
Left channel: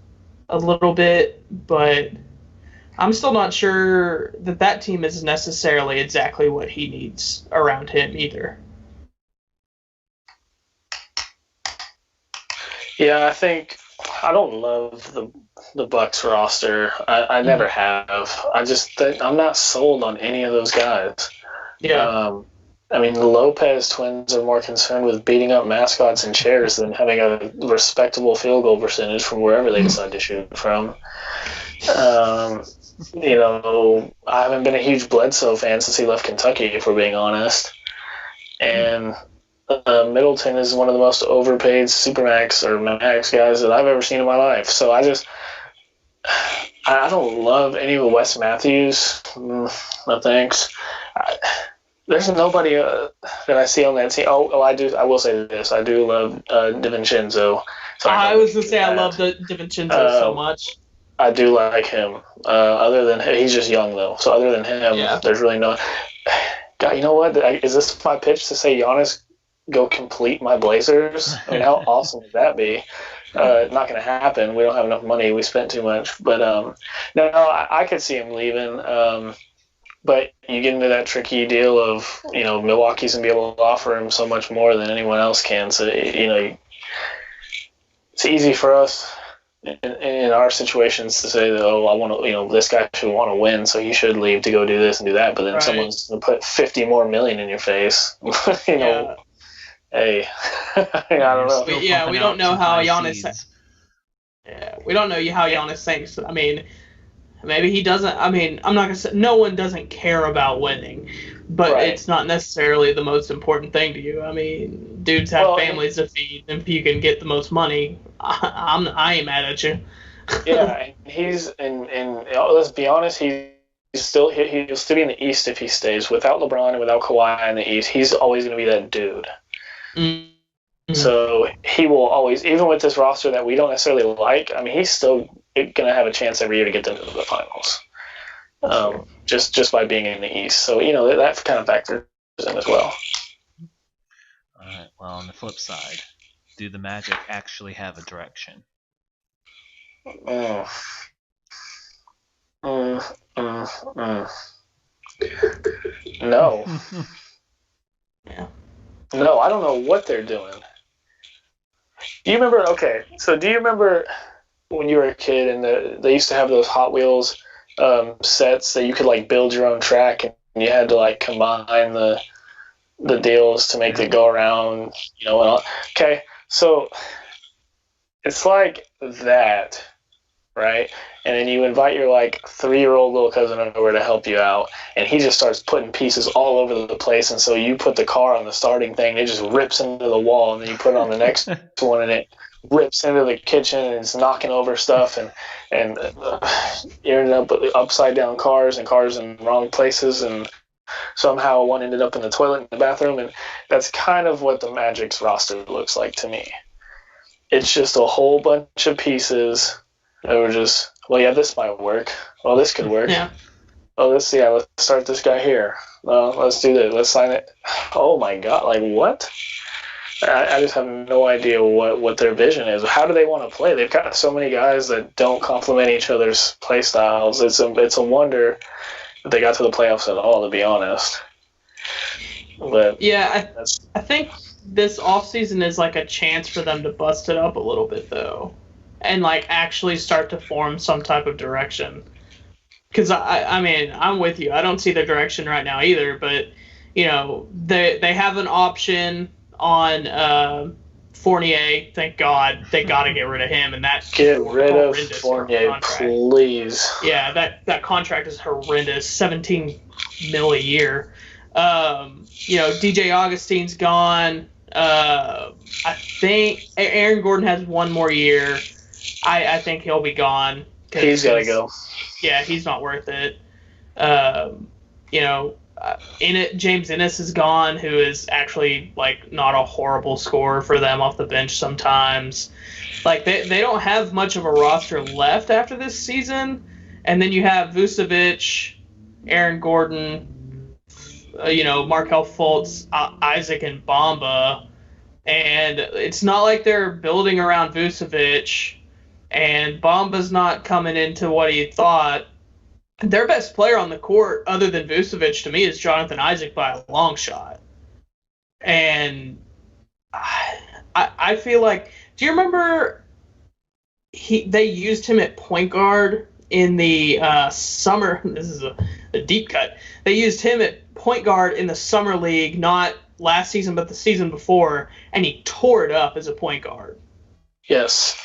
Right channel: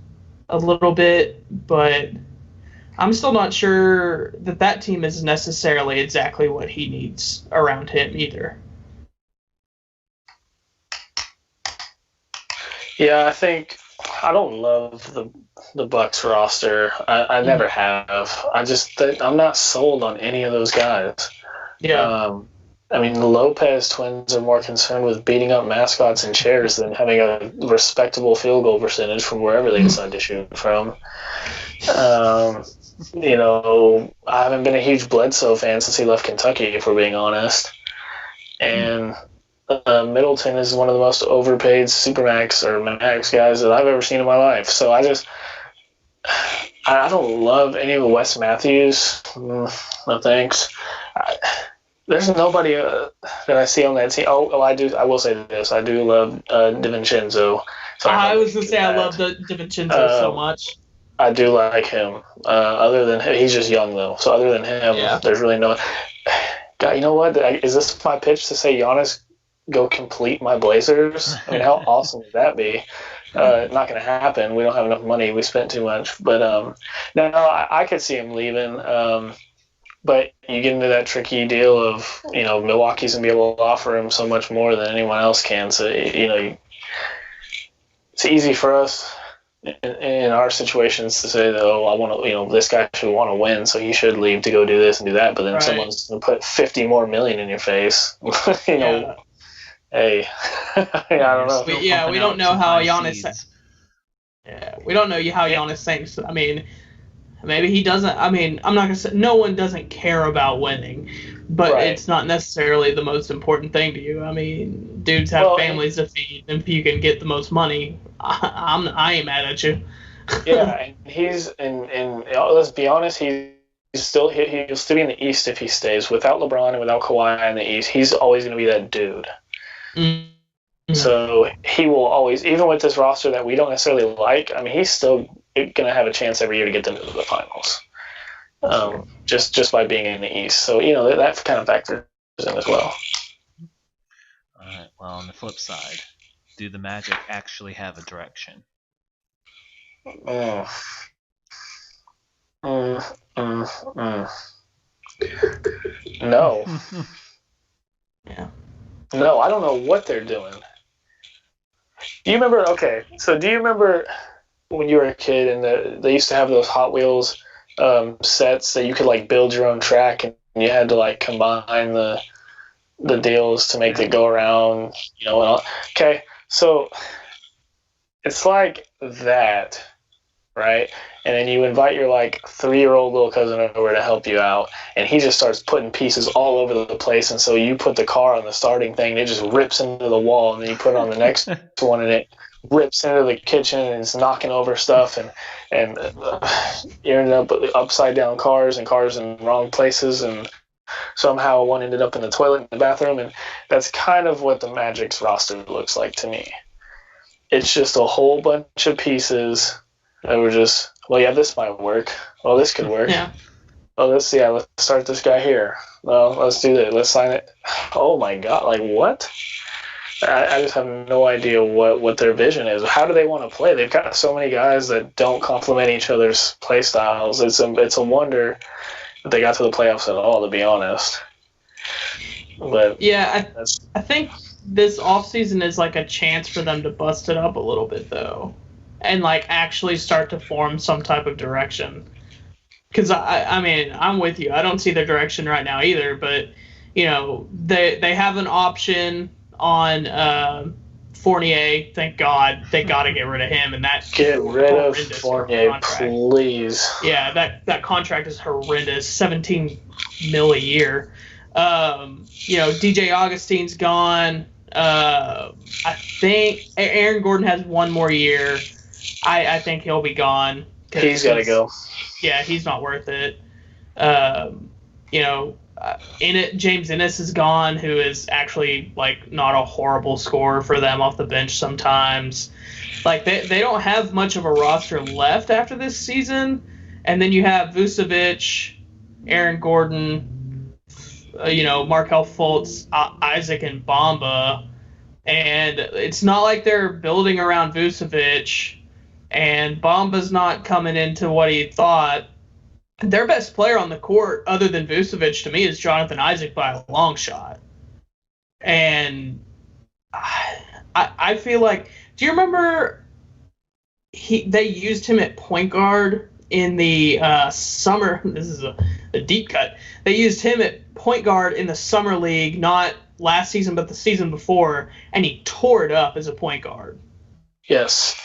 a little bit, but I'm still not sure that team is necessarily exactly what he needs around him either. Yeah, I don't love the Bucks roster. I never have. I'm not sold on any of those guys. Yeah. I mean, the Lopez twins are more concerned with beating up mascots and chairs than having a respectable field goal percentage from wherever they decide to shoot from. I haven't been a huge Bledsoe fan since he left Kentucky, if we're being honest. And Middleton is one of the most overpaid supermax or max guys that I've ever seen in my life. So I don't love any of Wes Matthews. No thanks. There's nobody that I see on that team. Oh, I do. I will say this. I do love DiVincenzo. So I was gonna say I love DiVincenzo so much. I do like him. Other than he's just young though. So other than him, There's really no. God, you know what? Is this my pitch to say Giannis go complete my Blazers? I mean, how awesome would that be? Not going to happen. We don't have enough money. We spent too much. But no, I could see him leaving. But you get into that tricky deal of, Milwaukee's going to be able to offer him so much more than anyone else can. So, it's easy for us in our situations to say that, I want to, this guy should want to win, so he should leave to go do this and do that. But then someone's going to put $50 more million in your face. Hey, I don't know. We don't know how Giannis. Yeah, we don't know how Giannis thinks. I mean, maybe he doesn't. I mean, I'm not gonna say no one doesn't care about winning, but it's not necessarily the most important thing to you. I mean, dudes have families to feed, and if you can get the most money, I ain't mad at you. Yeah, and he's and let's be honest, he's still he'll still be in the East if he stays. Without LeBron and without Kawhi in the East, he's always going to be that dude. Mm-hmm. So he will always, even with this roster that we don't necessarily like, I mean, he's still going to have a chance every year to get them to the finals. Just by being in the East. So, that kind of factors in as well. All right. Well, on the flip side, do the Magic actually have a direction? No. Yeah. No, I don't know what they're doing. Do you remember? Okay, so do you remember when you were a kid and they used to have those Hot Wheels sets that you could like build your own track and you had to like combine the deals to make it go around, and all. Okay, so it's like that, right? And then you invite your like 3-year-old little cousin over to help you out, and he just starts putting pieces all over the place. And so you put the car on the starting thing, and it just rips into the wall, and then you put it on the next one, and it rips into the kitchen, and it's knocking over stuff, and you ended up with upside down cars in wrong places, and somehow one ended up in the toilet in the bathroom, and that's kind of what the Magic's roster looks like to me. It's just a whole bunch of pieces that were just, well, yeah, this might work. Well, this could work. Yeah. Oh, let's start this guy here. No, let's do this. Let's sign it. Oh my God, like what? I just have no idea what their vision is. How do they want to play? They've got so many guys that don't complement each other's play styles. It's a wonder that they got to the playoffs at all, to be honest. But yeah, I think this offseason is like a chance for them to bust it up a little bit, though, and like actually start to form some type of direction. Because I mean, I'm with you. I don't see their direction right now either. But they have an option on Fournier. Thank God, they got to get rid of him. And that get rid of Fournier, please. Yeah, that contract is horrendous. $17 million a year. DJ Augustine's gone. I think Aaron Gordon has one more year. I think he'll be gone. He's got to go. Yeah, he's not worth it. James Ennis is gone, who is actually like not a horrible scorer for them off the bench sometimes. Like they don't have much of a roster left after this season. And then you have Vucevic, Aaron Gordon, Markelle Fultz, Isaac, and Bamba. And it's not like they're building around Vucevic, and Bamba's not coming into what he thought. Their best player on the court, other than Vucevic, to me, is Jonathan Isaac by a long shot. And I feel like, do you remember they used him at point guard in the summer? This is a deep cut. They used him at point guard in the summer league, not last season, but the season before, and he tore it up as a point guard. Yes.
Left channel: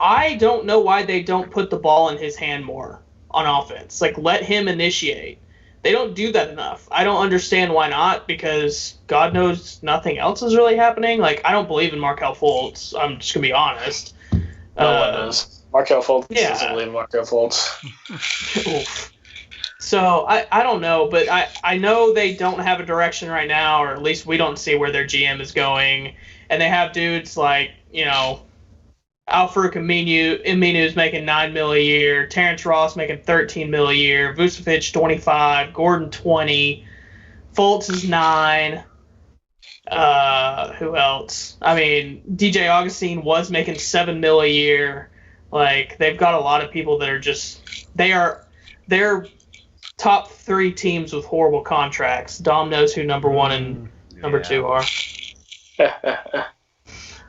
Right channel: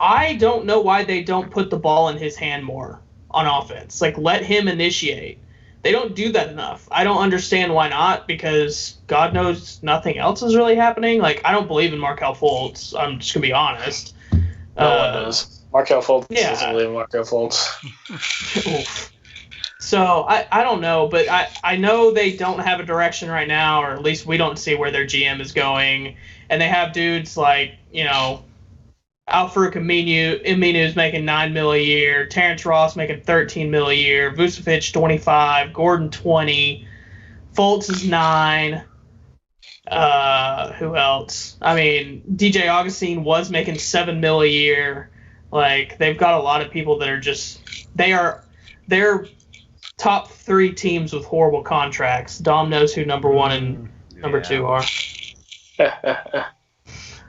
I don't know why they don't put the ball in his hand more on offense. Like, let him initiate. They don't do that enough. I don't understand why not, because God knows nothing else is really happening. Like, I don't believe in Markelle Fultz. I'm just going to be honest. No one does. Markelle Fultz doesn't believe in Markelle Fultz. So, I don't know, but I know they don't have a direction right now, or at least we don't see where their GM is going. And they have dudes like, Al-Farouq Aminu is making $9 million a year. Terrence Ross making $13 million a year. Vucevic $25. Gordon $20. Fultz is $9. Who else? I mean, DJ Augustine was making $7 million a year. Like, they've got a lot of people that are just they're top 3 teams with horrible contracts. Dom knows who number 1 and number 2 are.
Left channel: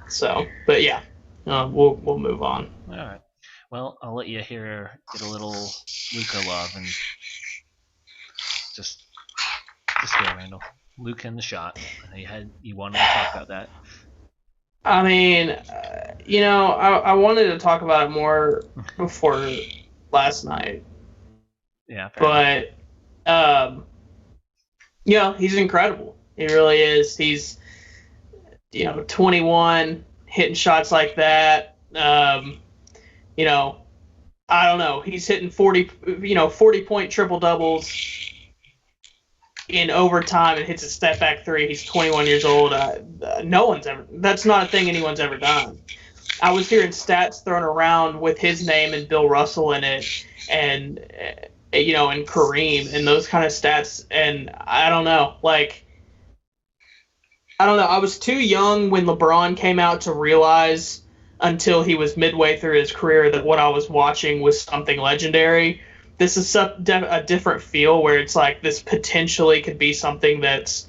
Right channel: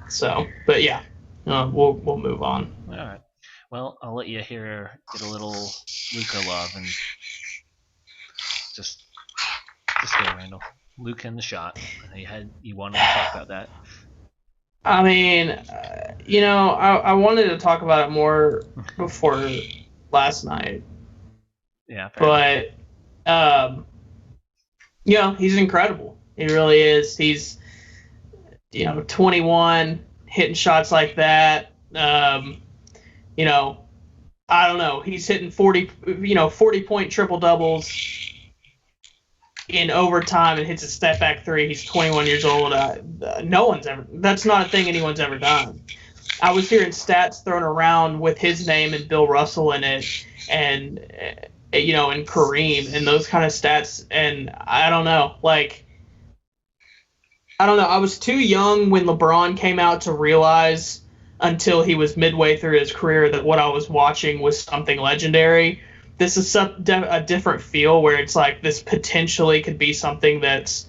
So, but yeah. We'll move on. All right. Well, I'll let you get a little Luka love, and just go, Randall. Luka in the shot. I know you wanted to talk about that. I mean, I wanted to talk about it more before last night. Yeah. Fair but he's incredible. He really is. He's 21. Hitting shots like that, I don't know. He's hitting 40-point triple doubles in overtime and hits a step back three. He's 21 years old. That's not a thing anyone's ever done. I was hearing stats thrown around with his name and Bill Russell in it, and and Kareem and those kind of stats. And I don't know. I was too young when LeBron came out to realize until he was midway through his career that what I was watching was something legendary. This is a different feel where it's like this potentially could be something that's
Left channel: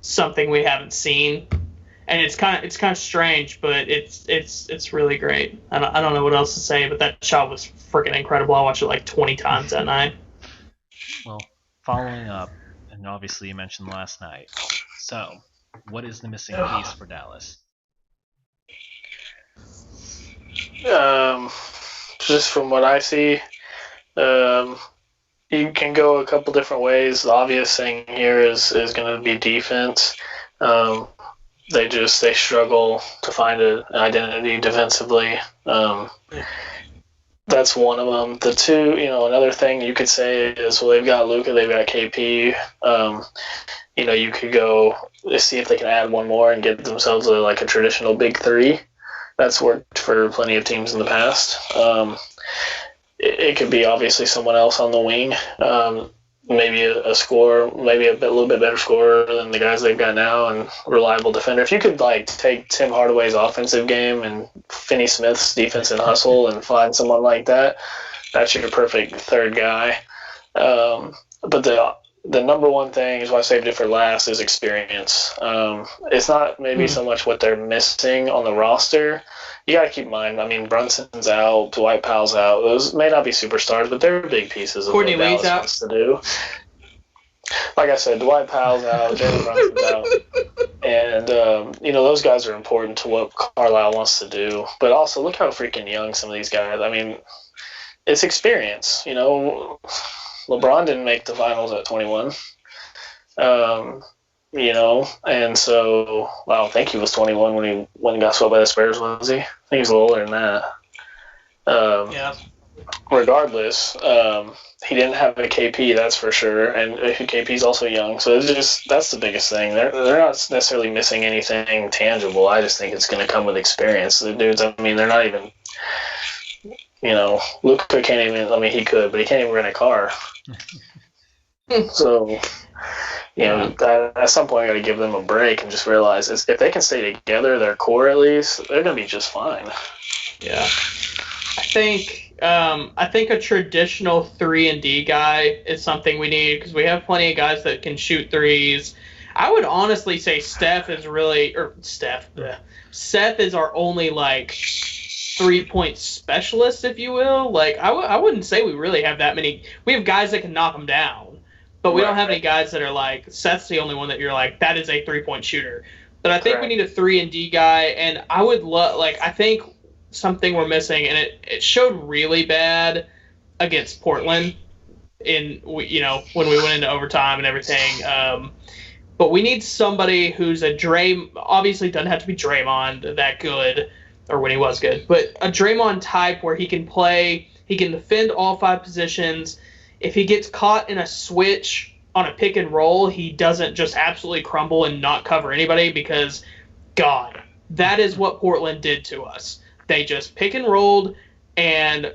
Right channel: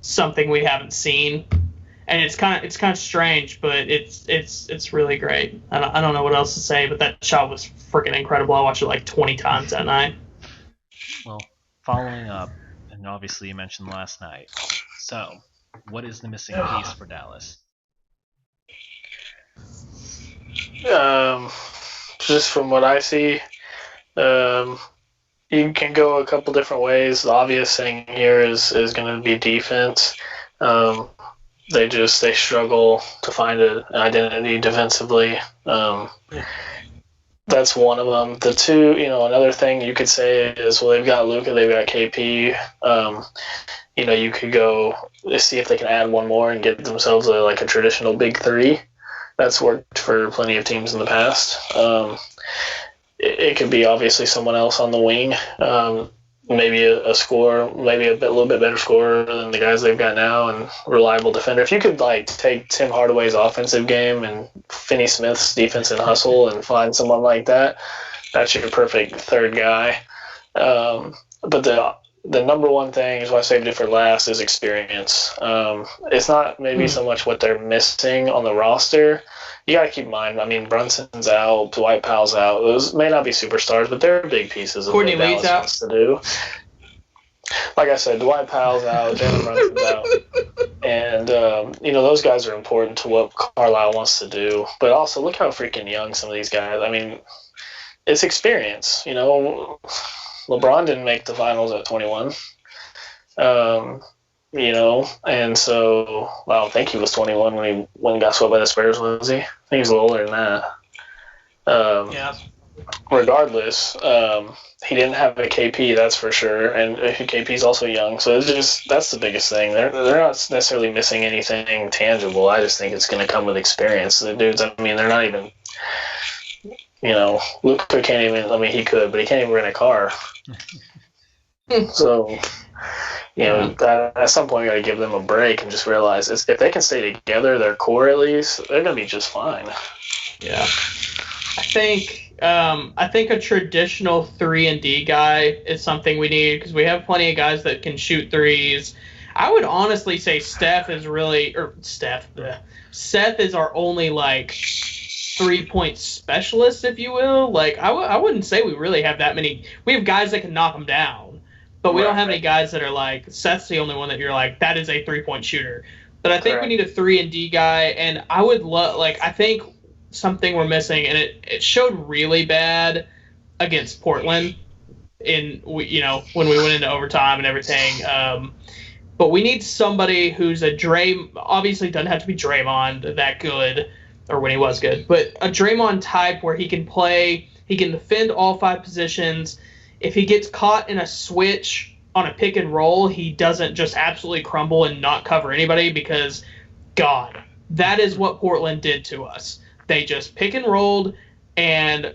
something we haven't seen, and it's kind of strange, but it's really great. I don't know what else to say, but that shot was freaking incredible. I watched it like 20 times that night. Well, following up, and obviously you mentioned last night. So, what is the missing piece for Dallas? Just from what I see, you can go a couple different ways. The obvious thing here is going to be defense. They struggle to find an identity defensively. That's one of them. The two, another thing you could say is, well, they've got Luka, they've got KP. You could go see if they can add one more and get themselves a traditional big three. That's worked for plenty of teams in the past. It could be obviously someone else on the wing, maybe a scorer, maybe a little bit better scorer than the guys they've got now, and reliable defender. If you could take Tim Hardaway's offensive game and Finney Smith's defense and hustle and find someone like that, that's your perfect third guy. But the number one thing is why I saved it for last is experience. It's not maybe so much what they're missing on the roster. You got to keep in mind, Brunson's out, Dwight Powell's out. Those may not be superstars, but they're big pieces of Courtney what Dallas Lee's out. wants to do. Like I said, Dwight Powell's out, Jalen Brunson's out. And, those guys are important to what Carlisle wants to do. But also, look how freaking young some of these guys. It's experience. LeBron didn't make the finals at 21. And so, well, I don't think he was 21 when he got swept by the Spurs, was he? I think he was a little older than that. Yeah. Regardless, he didn't have a KP, that's for sure, and KP's also young, so that's the biggest thing. They're not necessarily missing anything tangible. I just think it's going to come with experience. The dudes, they're not even, Luka can't even. He could, but he can't even rent a car. So. At some point, you got to give them a break and just realize if they can stay together, their core at least, they're going to be just fine. Yeah, I think a traditional 3-and-D guy is something we need because we have plenty of guys that can shoot threes. I would honestly say Seth is our only 3-point specialist, if you will. I wouldn't say we really have that many. We have guys that can knock them down. But we don't have any guys that are Seth's the only one that you're that is a 3-point shooter. But I think we need a 3-and-D guy, and I would love, I think something we're missing, and it showed really bad against Portland when we went into overtime and everything. But we need somebody who's obviously doesn't have to be Draymond that good, or when he was good, but a Draymond type where he can defend all 5 positions. If he gets caught in a switch on a pick and roll, he doesn't just absolutely crumble and not cover anybody because, God, that is what Portland did to us. They just pick and rolled, and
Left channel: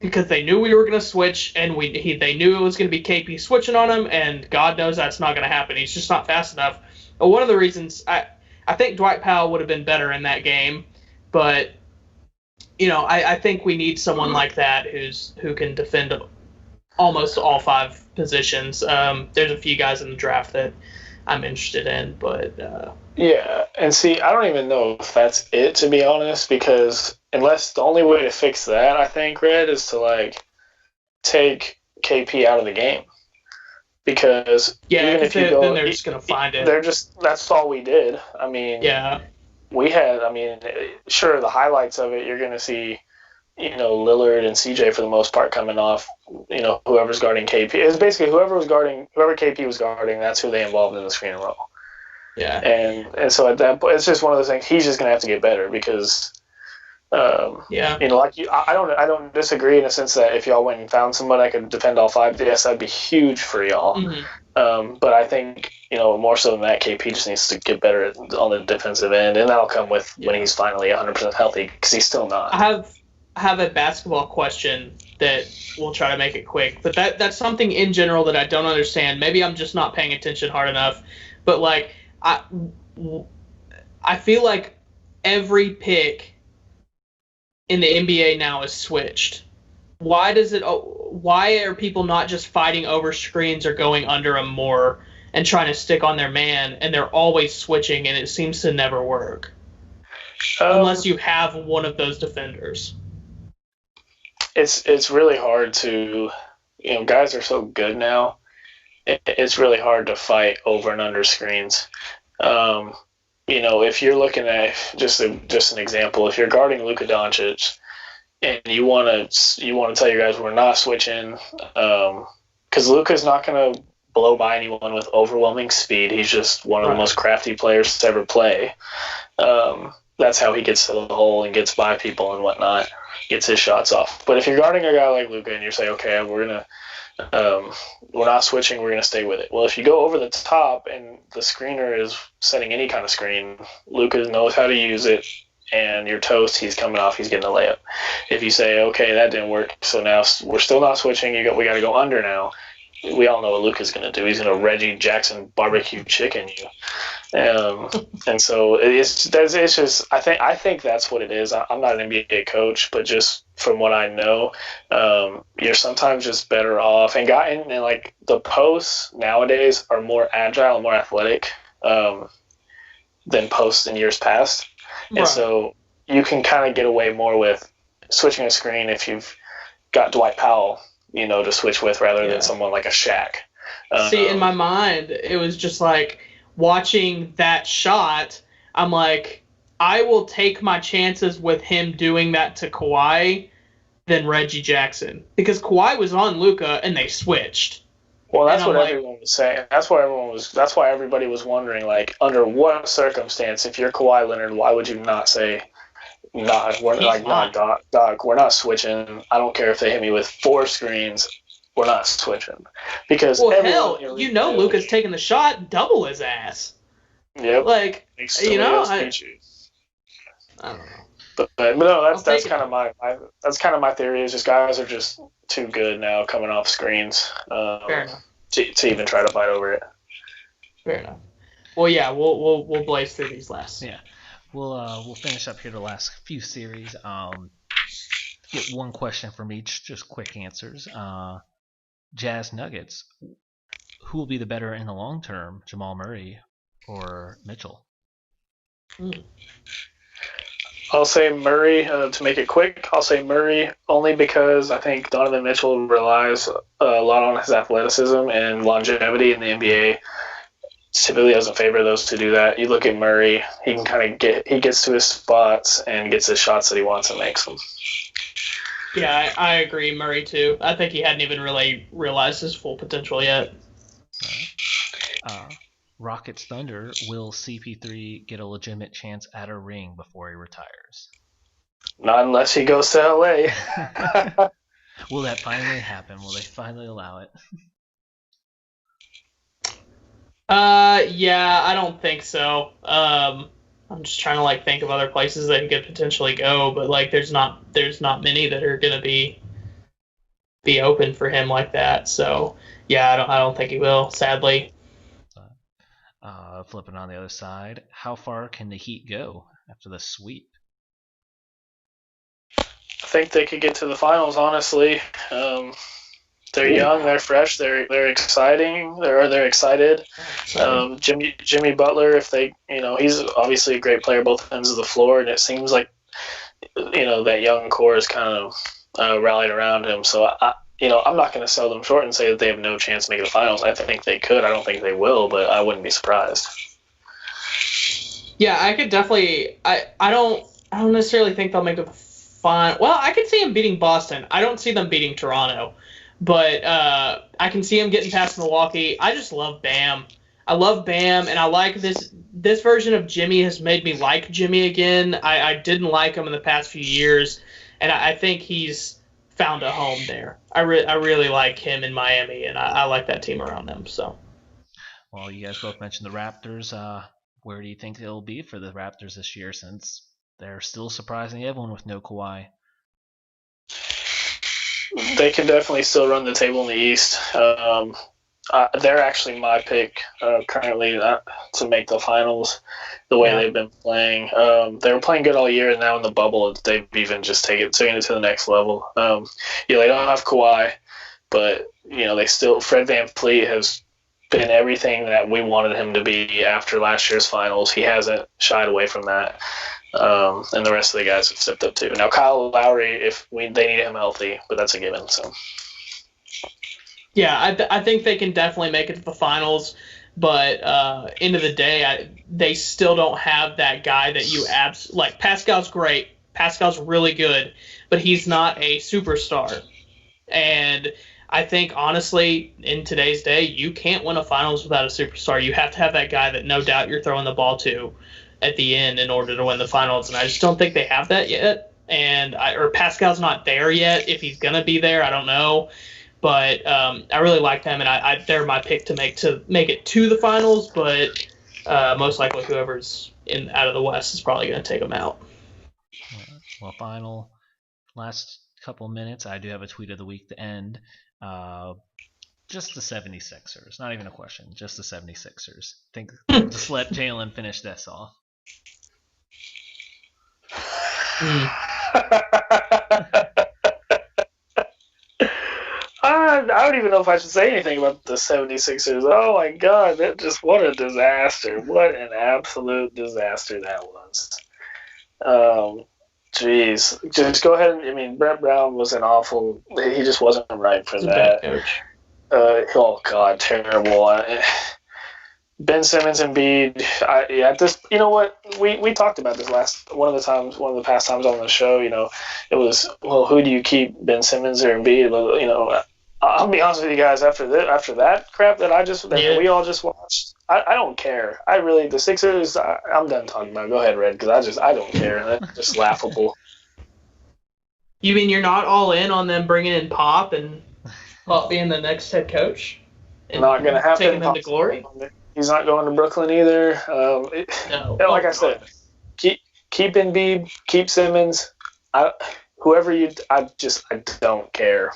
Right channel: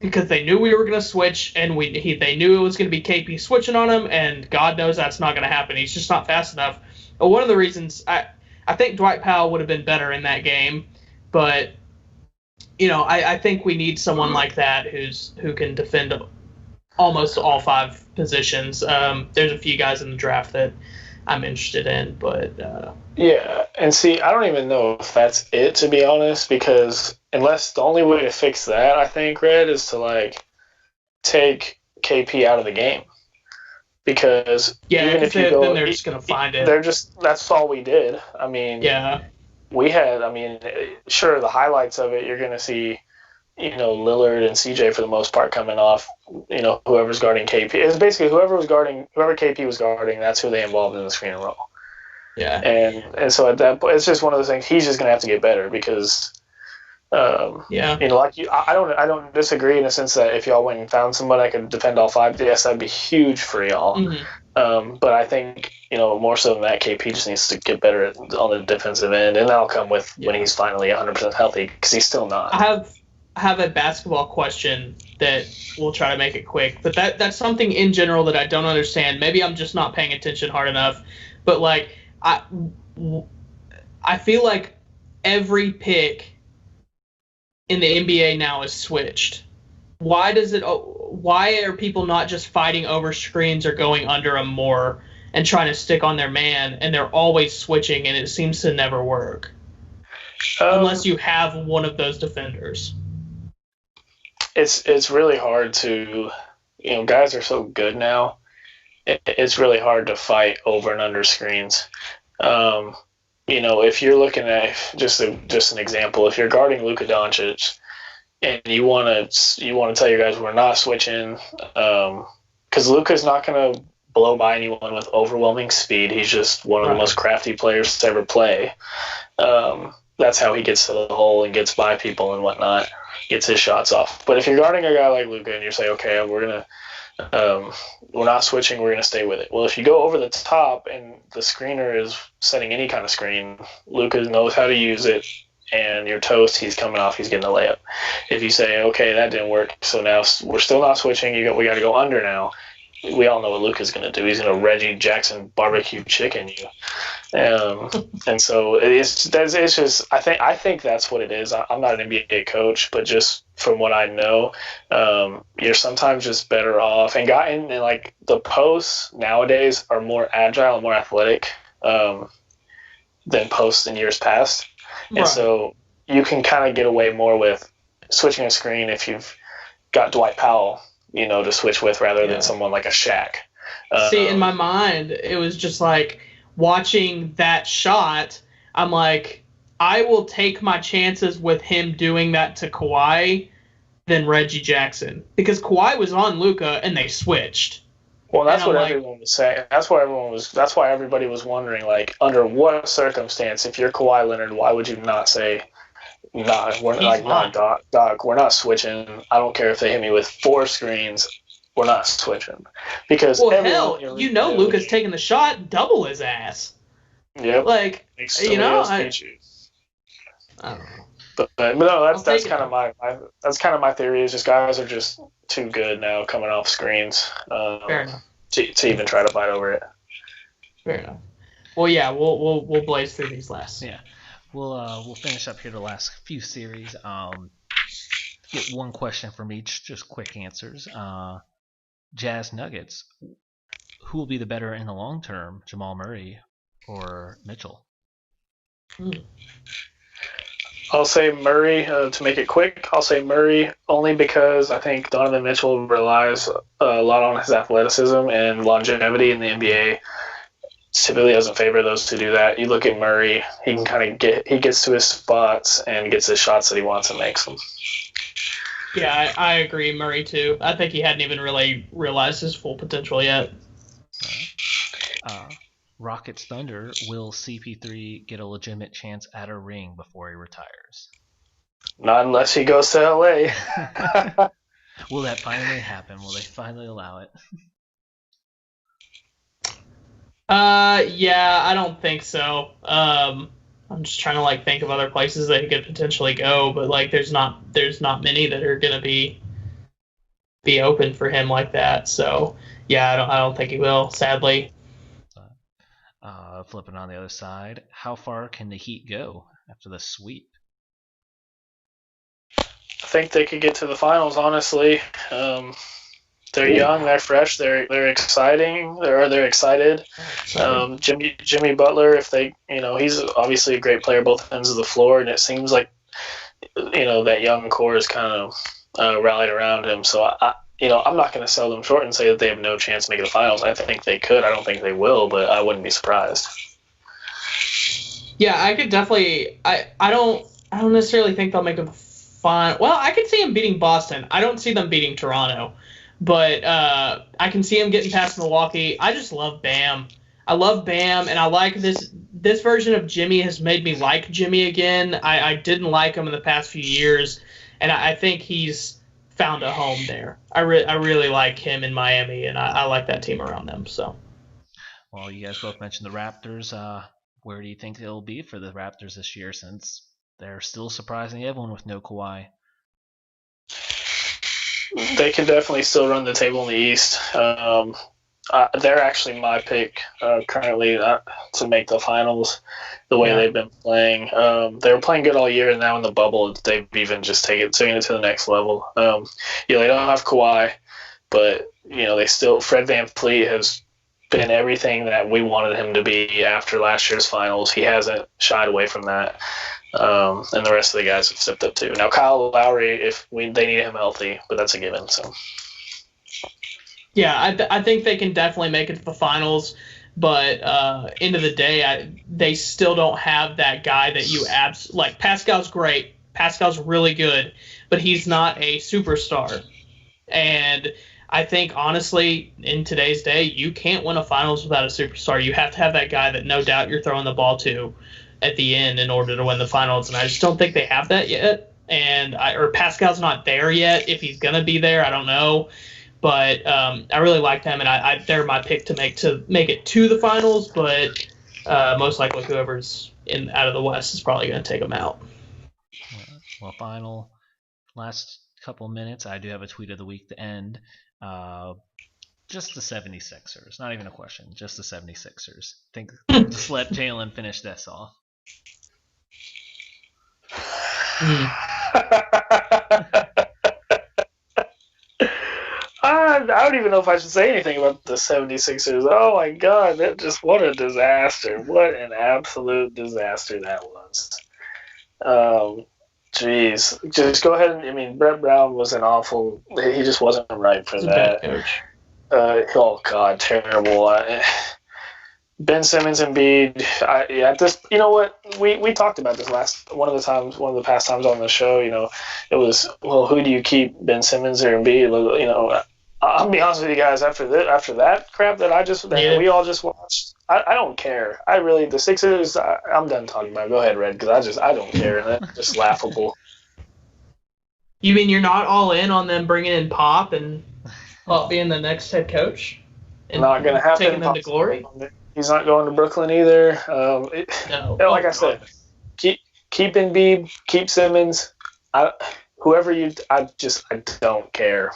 because they knew we were going to switch, and they knew it was going to be KP switching on him, and God knows that's not going to happen. He's just not fast enough. But one of the reasons I think Dwight Powell would have been better in that game, but I think we need someone like that who can defend almost all 5 positions. There's a few guys in the draft that I'm interested in, but yeah, and see, I don't even know if that's it, to be honest, because unless the only way to fix that, I think, Red, is to take KP out of the game, because even if you go, then they're just gonna find it. That's all we did. Yeah, we had. Sure, the highlights of it, you're gonna see. Lillard and CJ for the most part coming off, whoever's guarding KP. It's basically whoever KP was guarding, that's who they involved in the screen and roll. Yeah. And so at that point, it's just one of those things. He's just going to have to get better because Yeah. Like I don't disagree in the sense that if y'all went and found somebody that could defend all five, yes, that'd be huge for y'all. Mm-hmm. But I think more so than that, KP just needs to get better on the defensive end, and that'll come with when he's finally 100% healthy, because he's still not. I have a basketball question that we'll try to make it quick, but that's something in general that I don't understand. Maybe I'm just not paying attention hard enough, but like I feel like every pick in the NBA now is switched. Why are people not just fighting over screens or going under them more and trying to stick on their man, and they're always switching, and it seems to never work unless you have one of those defenders? It's really hard to, guys are so good now. It's really hard to fight over and under screens. If you're looking at just an example, if you're guarding Luka Doncic and you want to tell your guys we're not switching, because Luka's not going to blow by anyone with overwhelming speed. He's just one of the most crafty players to ever play. That's how he gets to the hole and gets by people and whatnot, gets his shots off. But if you're guarding a guy like Luka and you say, okay, we're not switching, we're gonna stay with it. Well, if you go over the top and the screener is setting any kind of screen, Luka knows how to use it, and you're toast. He's coming off. He's getting a layup. If you say, okay, that didn't work, so now we're still not switching. We got to go under now. We all know what Luka's going to do. He's going to Reggie Jackson barbecue chicken you. And so it's just I think that's what it is. I'm not an NBA coach, but just from what I know, you're sometimes just better off. And like the posts nowadays are more agile and more athletic than posts in years past. Right. And so you can kind of get away more with switching a screen if you've got Dwight Powell, to switch with rather than someone like a Shaq. See, in my mind, it was just like watching that shot. I'm like, I will take my chances with him doing that to Kawhi than Reggie Jackson, because Kawhi was on Luka and they switched. Well, that's what everyone was saying. That's why everybody was wondering, like, under what circumstance, if you're Kawhi Leonard, why would you not say, nah, Doc, we're not switching. I don't care if they hit me with 4 screens, we're not switching. Because Luka's taking the shot, double his ass. Yep. Like, I don't know. But no, that's kind of my theory. Is just guys are just too good now coming off screens. Fair enough. To even try to fight over it. Fair enough. Well, yeah, we'll blaze through these last. Yeah, we'll finish up here the last few series. Get one question from each, just quick answers. Jazz Nuggets. Who will be the better in the long term, Jamal Murray or Mitchell? I'll say Murray. To make it quick, I'll say Murray only because I think Donovan Mitchell relies a lot on his athleticism and longevity in the NBA. Typically doesn't favor those to do that. You look at Murray, he can he gets to his spots and gets his shots that he wants and makes them. Yeah, I agree, Murray too. I think he hadn't even really realized his full potential yet. Rockets Thunder, will CP3 get a legitimate chance at a ring before he retires? Not unless he goes to LA. Will that finally happen? Will they finally allow it? Yeah, I don't think so. I'm just trying to think of other places that he could potentially go, but there's not many that are gonna be open for him like that. So yeah, I don't think he will, sadly. Flipping on the other side, how far can the Heat go after the sweep? I think they could get to the finals, honestly. They're young, they're fresh, they're exciting, they're excited. Jimmy Butler, if they, he's obviously a great player both ends of the floor, and it seems like, that young core is kind of rallied around him. So I'm not going to sell them short and say that they have no chance of making the finals. I think they could. I don't think they will, but I wouldn't be surprised. Yeah, I could definitely. I don't necessarily think they'll make a final. Well, I could see them beating Boston. I don't see them beating Toronto, but I can see them getting past Milwaukee. I just love Bam. I love Bam, and I like this this version of Jimmy has made me like Jimmy again. I didn't like him in the past few years, and I think he's found a home there. I really like him in Miami, and I like that team around them. So, well, you guys both mentioned the Raptors. Where do you think it'll be for the Raptors this year, since they're still surprising everyone with no Kawhi? They can definitely still run the table in the East. They're actually my pick currently to make the finals. The way they've been playing, they were playing good all year, and now in the bubble, they've even just taken it to the next level. They don't have Kawhi, but they still. Fred VanVleet has been everything that we wanted him to be after last year's finals. He hasn't shied away from that. And the rest of the guys have stepped up too. Now Kyle Lowry, they need him healthy, but that's a given. So yeah, I think they can definitely make it to the finals, but end of the day, they still don't have that guy that you like. Pascal's great, Pascal's really good, but he's not a superstar. And I think honestly, in today's day, you can't win a finals without a superstar. You have to have that guy that no doubt you're throwing the ball to at the end in order to win the finals, and I just don't think they have that yet. And Pascal's not there yet. If he's gonna be there, I don't know. But I really like them, and they're my pick to make it to the finals. But most likely, whoever's out of the West is probably gonna take them out. Well, last couple minutes, I do have a tweet of the week to end. Just the 76ers, not even a question. Just the 76ers. Just let Jalen finish this off. I don't even know if I should say anything about the 76ers. Oh my God, what a disaster. What an absolute disaster that was. Jeez. Just go ahead and, Brett Brown was an awful, he just wasn't right for that. Coach. Oh God, terrible. Ben Simmons and Embiid. You know what? We talked about this one of the past times on the show. It was, well, who do you keep, Ben Simmons or Embiid? I'll be honest with you guys. After that crap that we all just watched, I don't care. The Sixers. I'm done talking about it. Go ahead, Red, because I don't care. That's just laughable. You mean you're not all in on them bringing in Pop and Pop being the next head coach? And not going to happen. Taking them to glory. He's not going to Brooklyn either. No. Like I said, keep Embiid, keep Simmons. I don't care.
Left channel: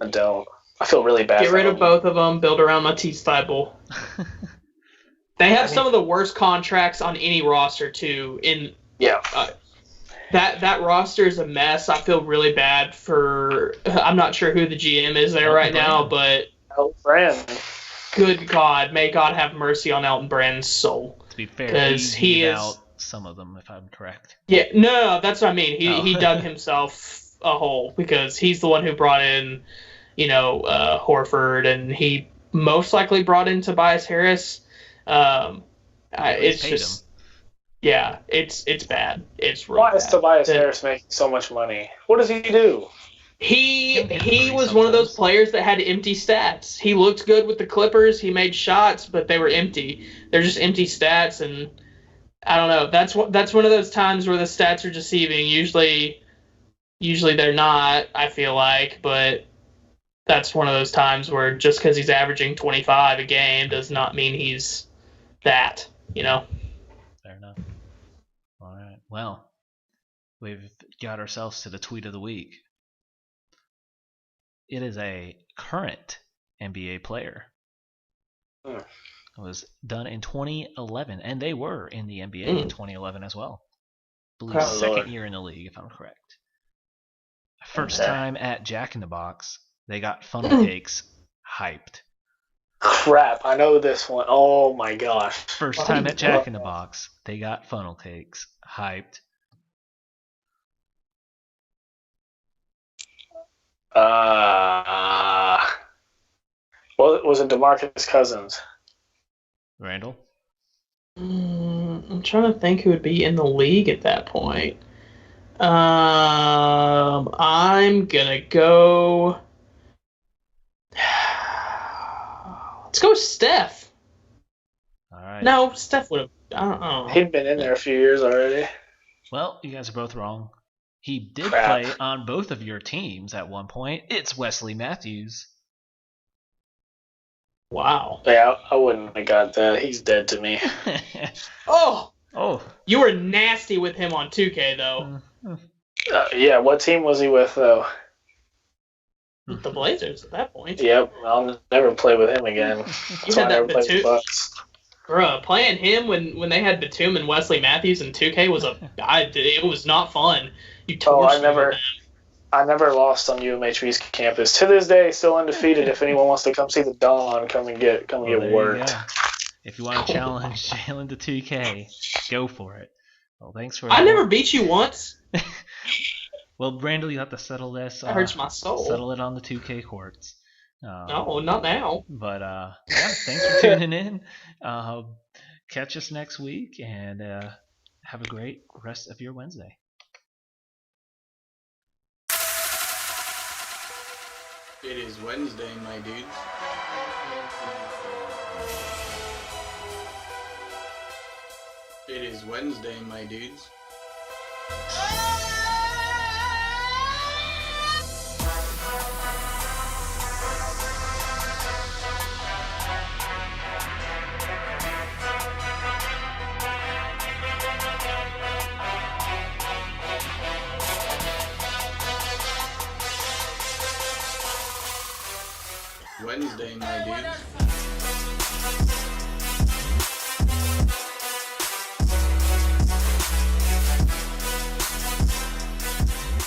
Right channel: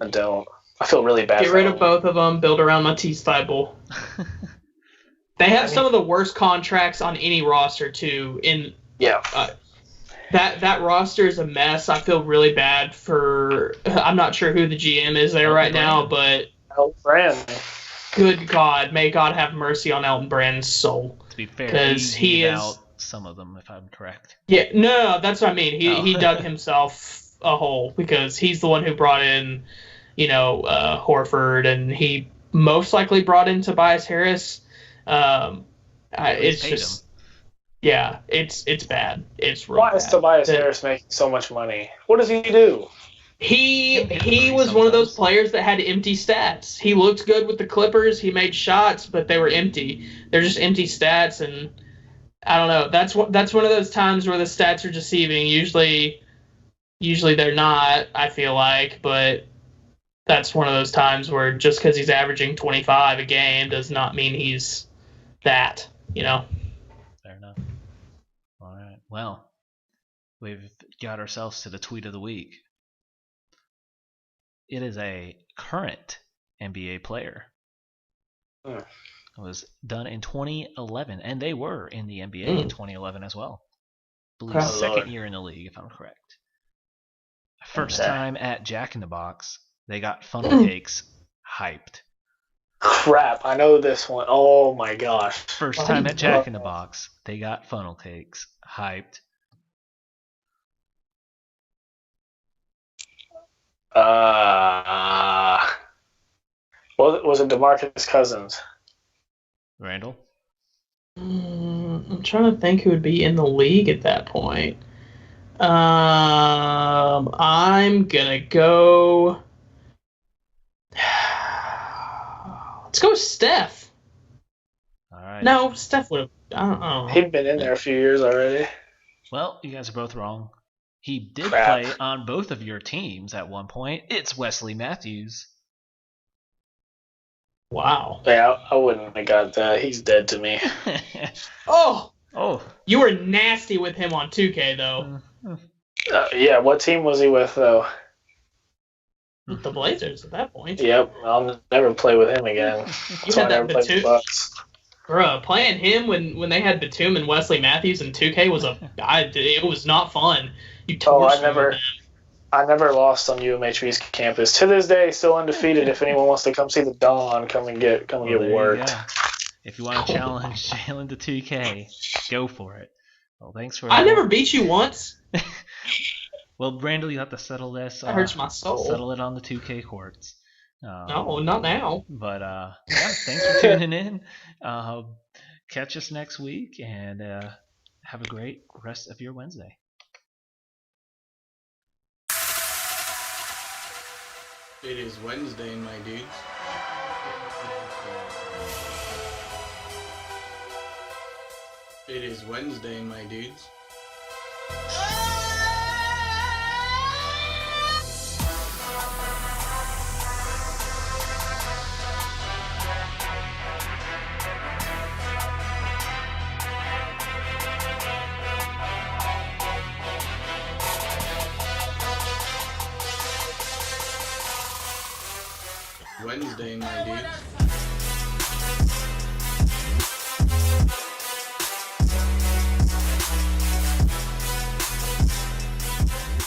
I don't. I feel really bad. Get rid of both of them. Build around Matisse Thybulle. They have some of the worst contracts on any roster too. That roster is a mess. I feel really bad for. I'm not sure who the GM is there right now, but Elton Brand. Good God, may God have mercy on Elton Brand's soul. To be fair, he gave out some of them, if I'm correct. Yeah, no, that's what I mean. He dug himself a hole because he's the one who brought in, Horford, and he most likely brought in Tobias Harris. It's just, yeah, it's bad. It's really bad. Why is Tobias Harris making so much money? What does he do? He was one of those players that had empty stats. He looked good with the Clippers. He made shots, but they were empty. They're just empty stats, and I don't know. That's one of those times where the stats are deceiving. Usually they're not, I feel like, but that's one of those times where just because he's averaging 25 a game does not mean he's that, Fair enough. All right. Well, we've got ourselves to the tweet of the week. It is a current NBA player. It was done in 2011, and they were in the NBA in 2011 as well. I believe second year in the league, if I'm correct. First time at Jack in the Box, they got funnel cakes hyped. Crap, I know this one. Oh my gosh. First time at Jack in the Box, they got funnel cakes hyped. Was it DeMarcus Cousins? Randall? I'm trying to think who would be in the league at that point. I'm gonna go. Let's go with Steph. All right. No, Steph would I don't know. He'd been in there a few years already. Well, you guys are both wrong. He did Crap. play on both of your teams at one point. It's Wesley Matthews. Wow. Yeah, I wouldn't have got that. He's dead to me. Oh, Oh. you were nasty with him on 2K though. Yeah, what team was he with though? The Blazers at that point. Yep, I'll never play with him again. You That's why I had never that played with Batum. Bucks. Bruh, playing him when they had Batum and Wesley Matthews in 2K was it was not fun. You Oh, torched me with that. I never lost on UMHB's campus. To this day, still undefeated. If anyone wants to come see the Dawn, come and get Well, there you worked. go. If you want to challenge Jalen to 2K, go for it. Well, thanks for. I never beat you once. Well, Brandel, you have to settle this. That hurts my soul. Settle it on the 2K courts. No, not now. But yeah, thanks for tuning in. Catch us next week and have a great rest of your Wednesday. It is Wednesday, my dudes. It is Wednesday, my dudes. Wednesday, my dudes.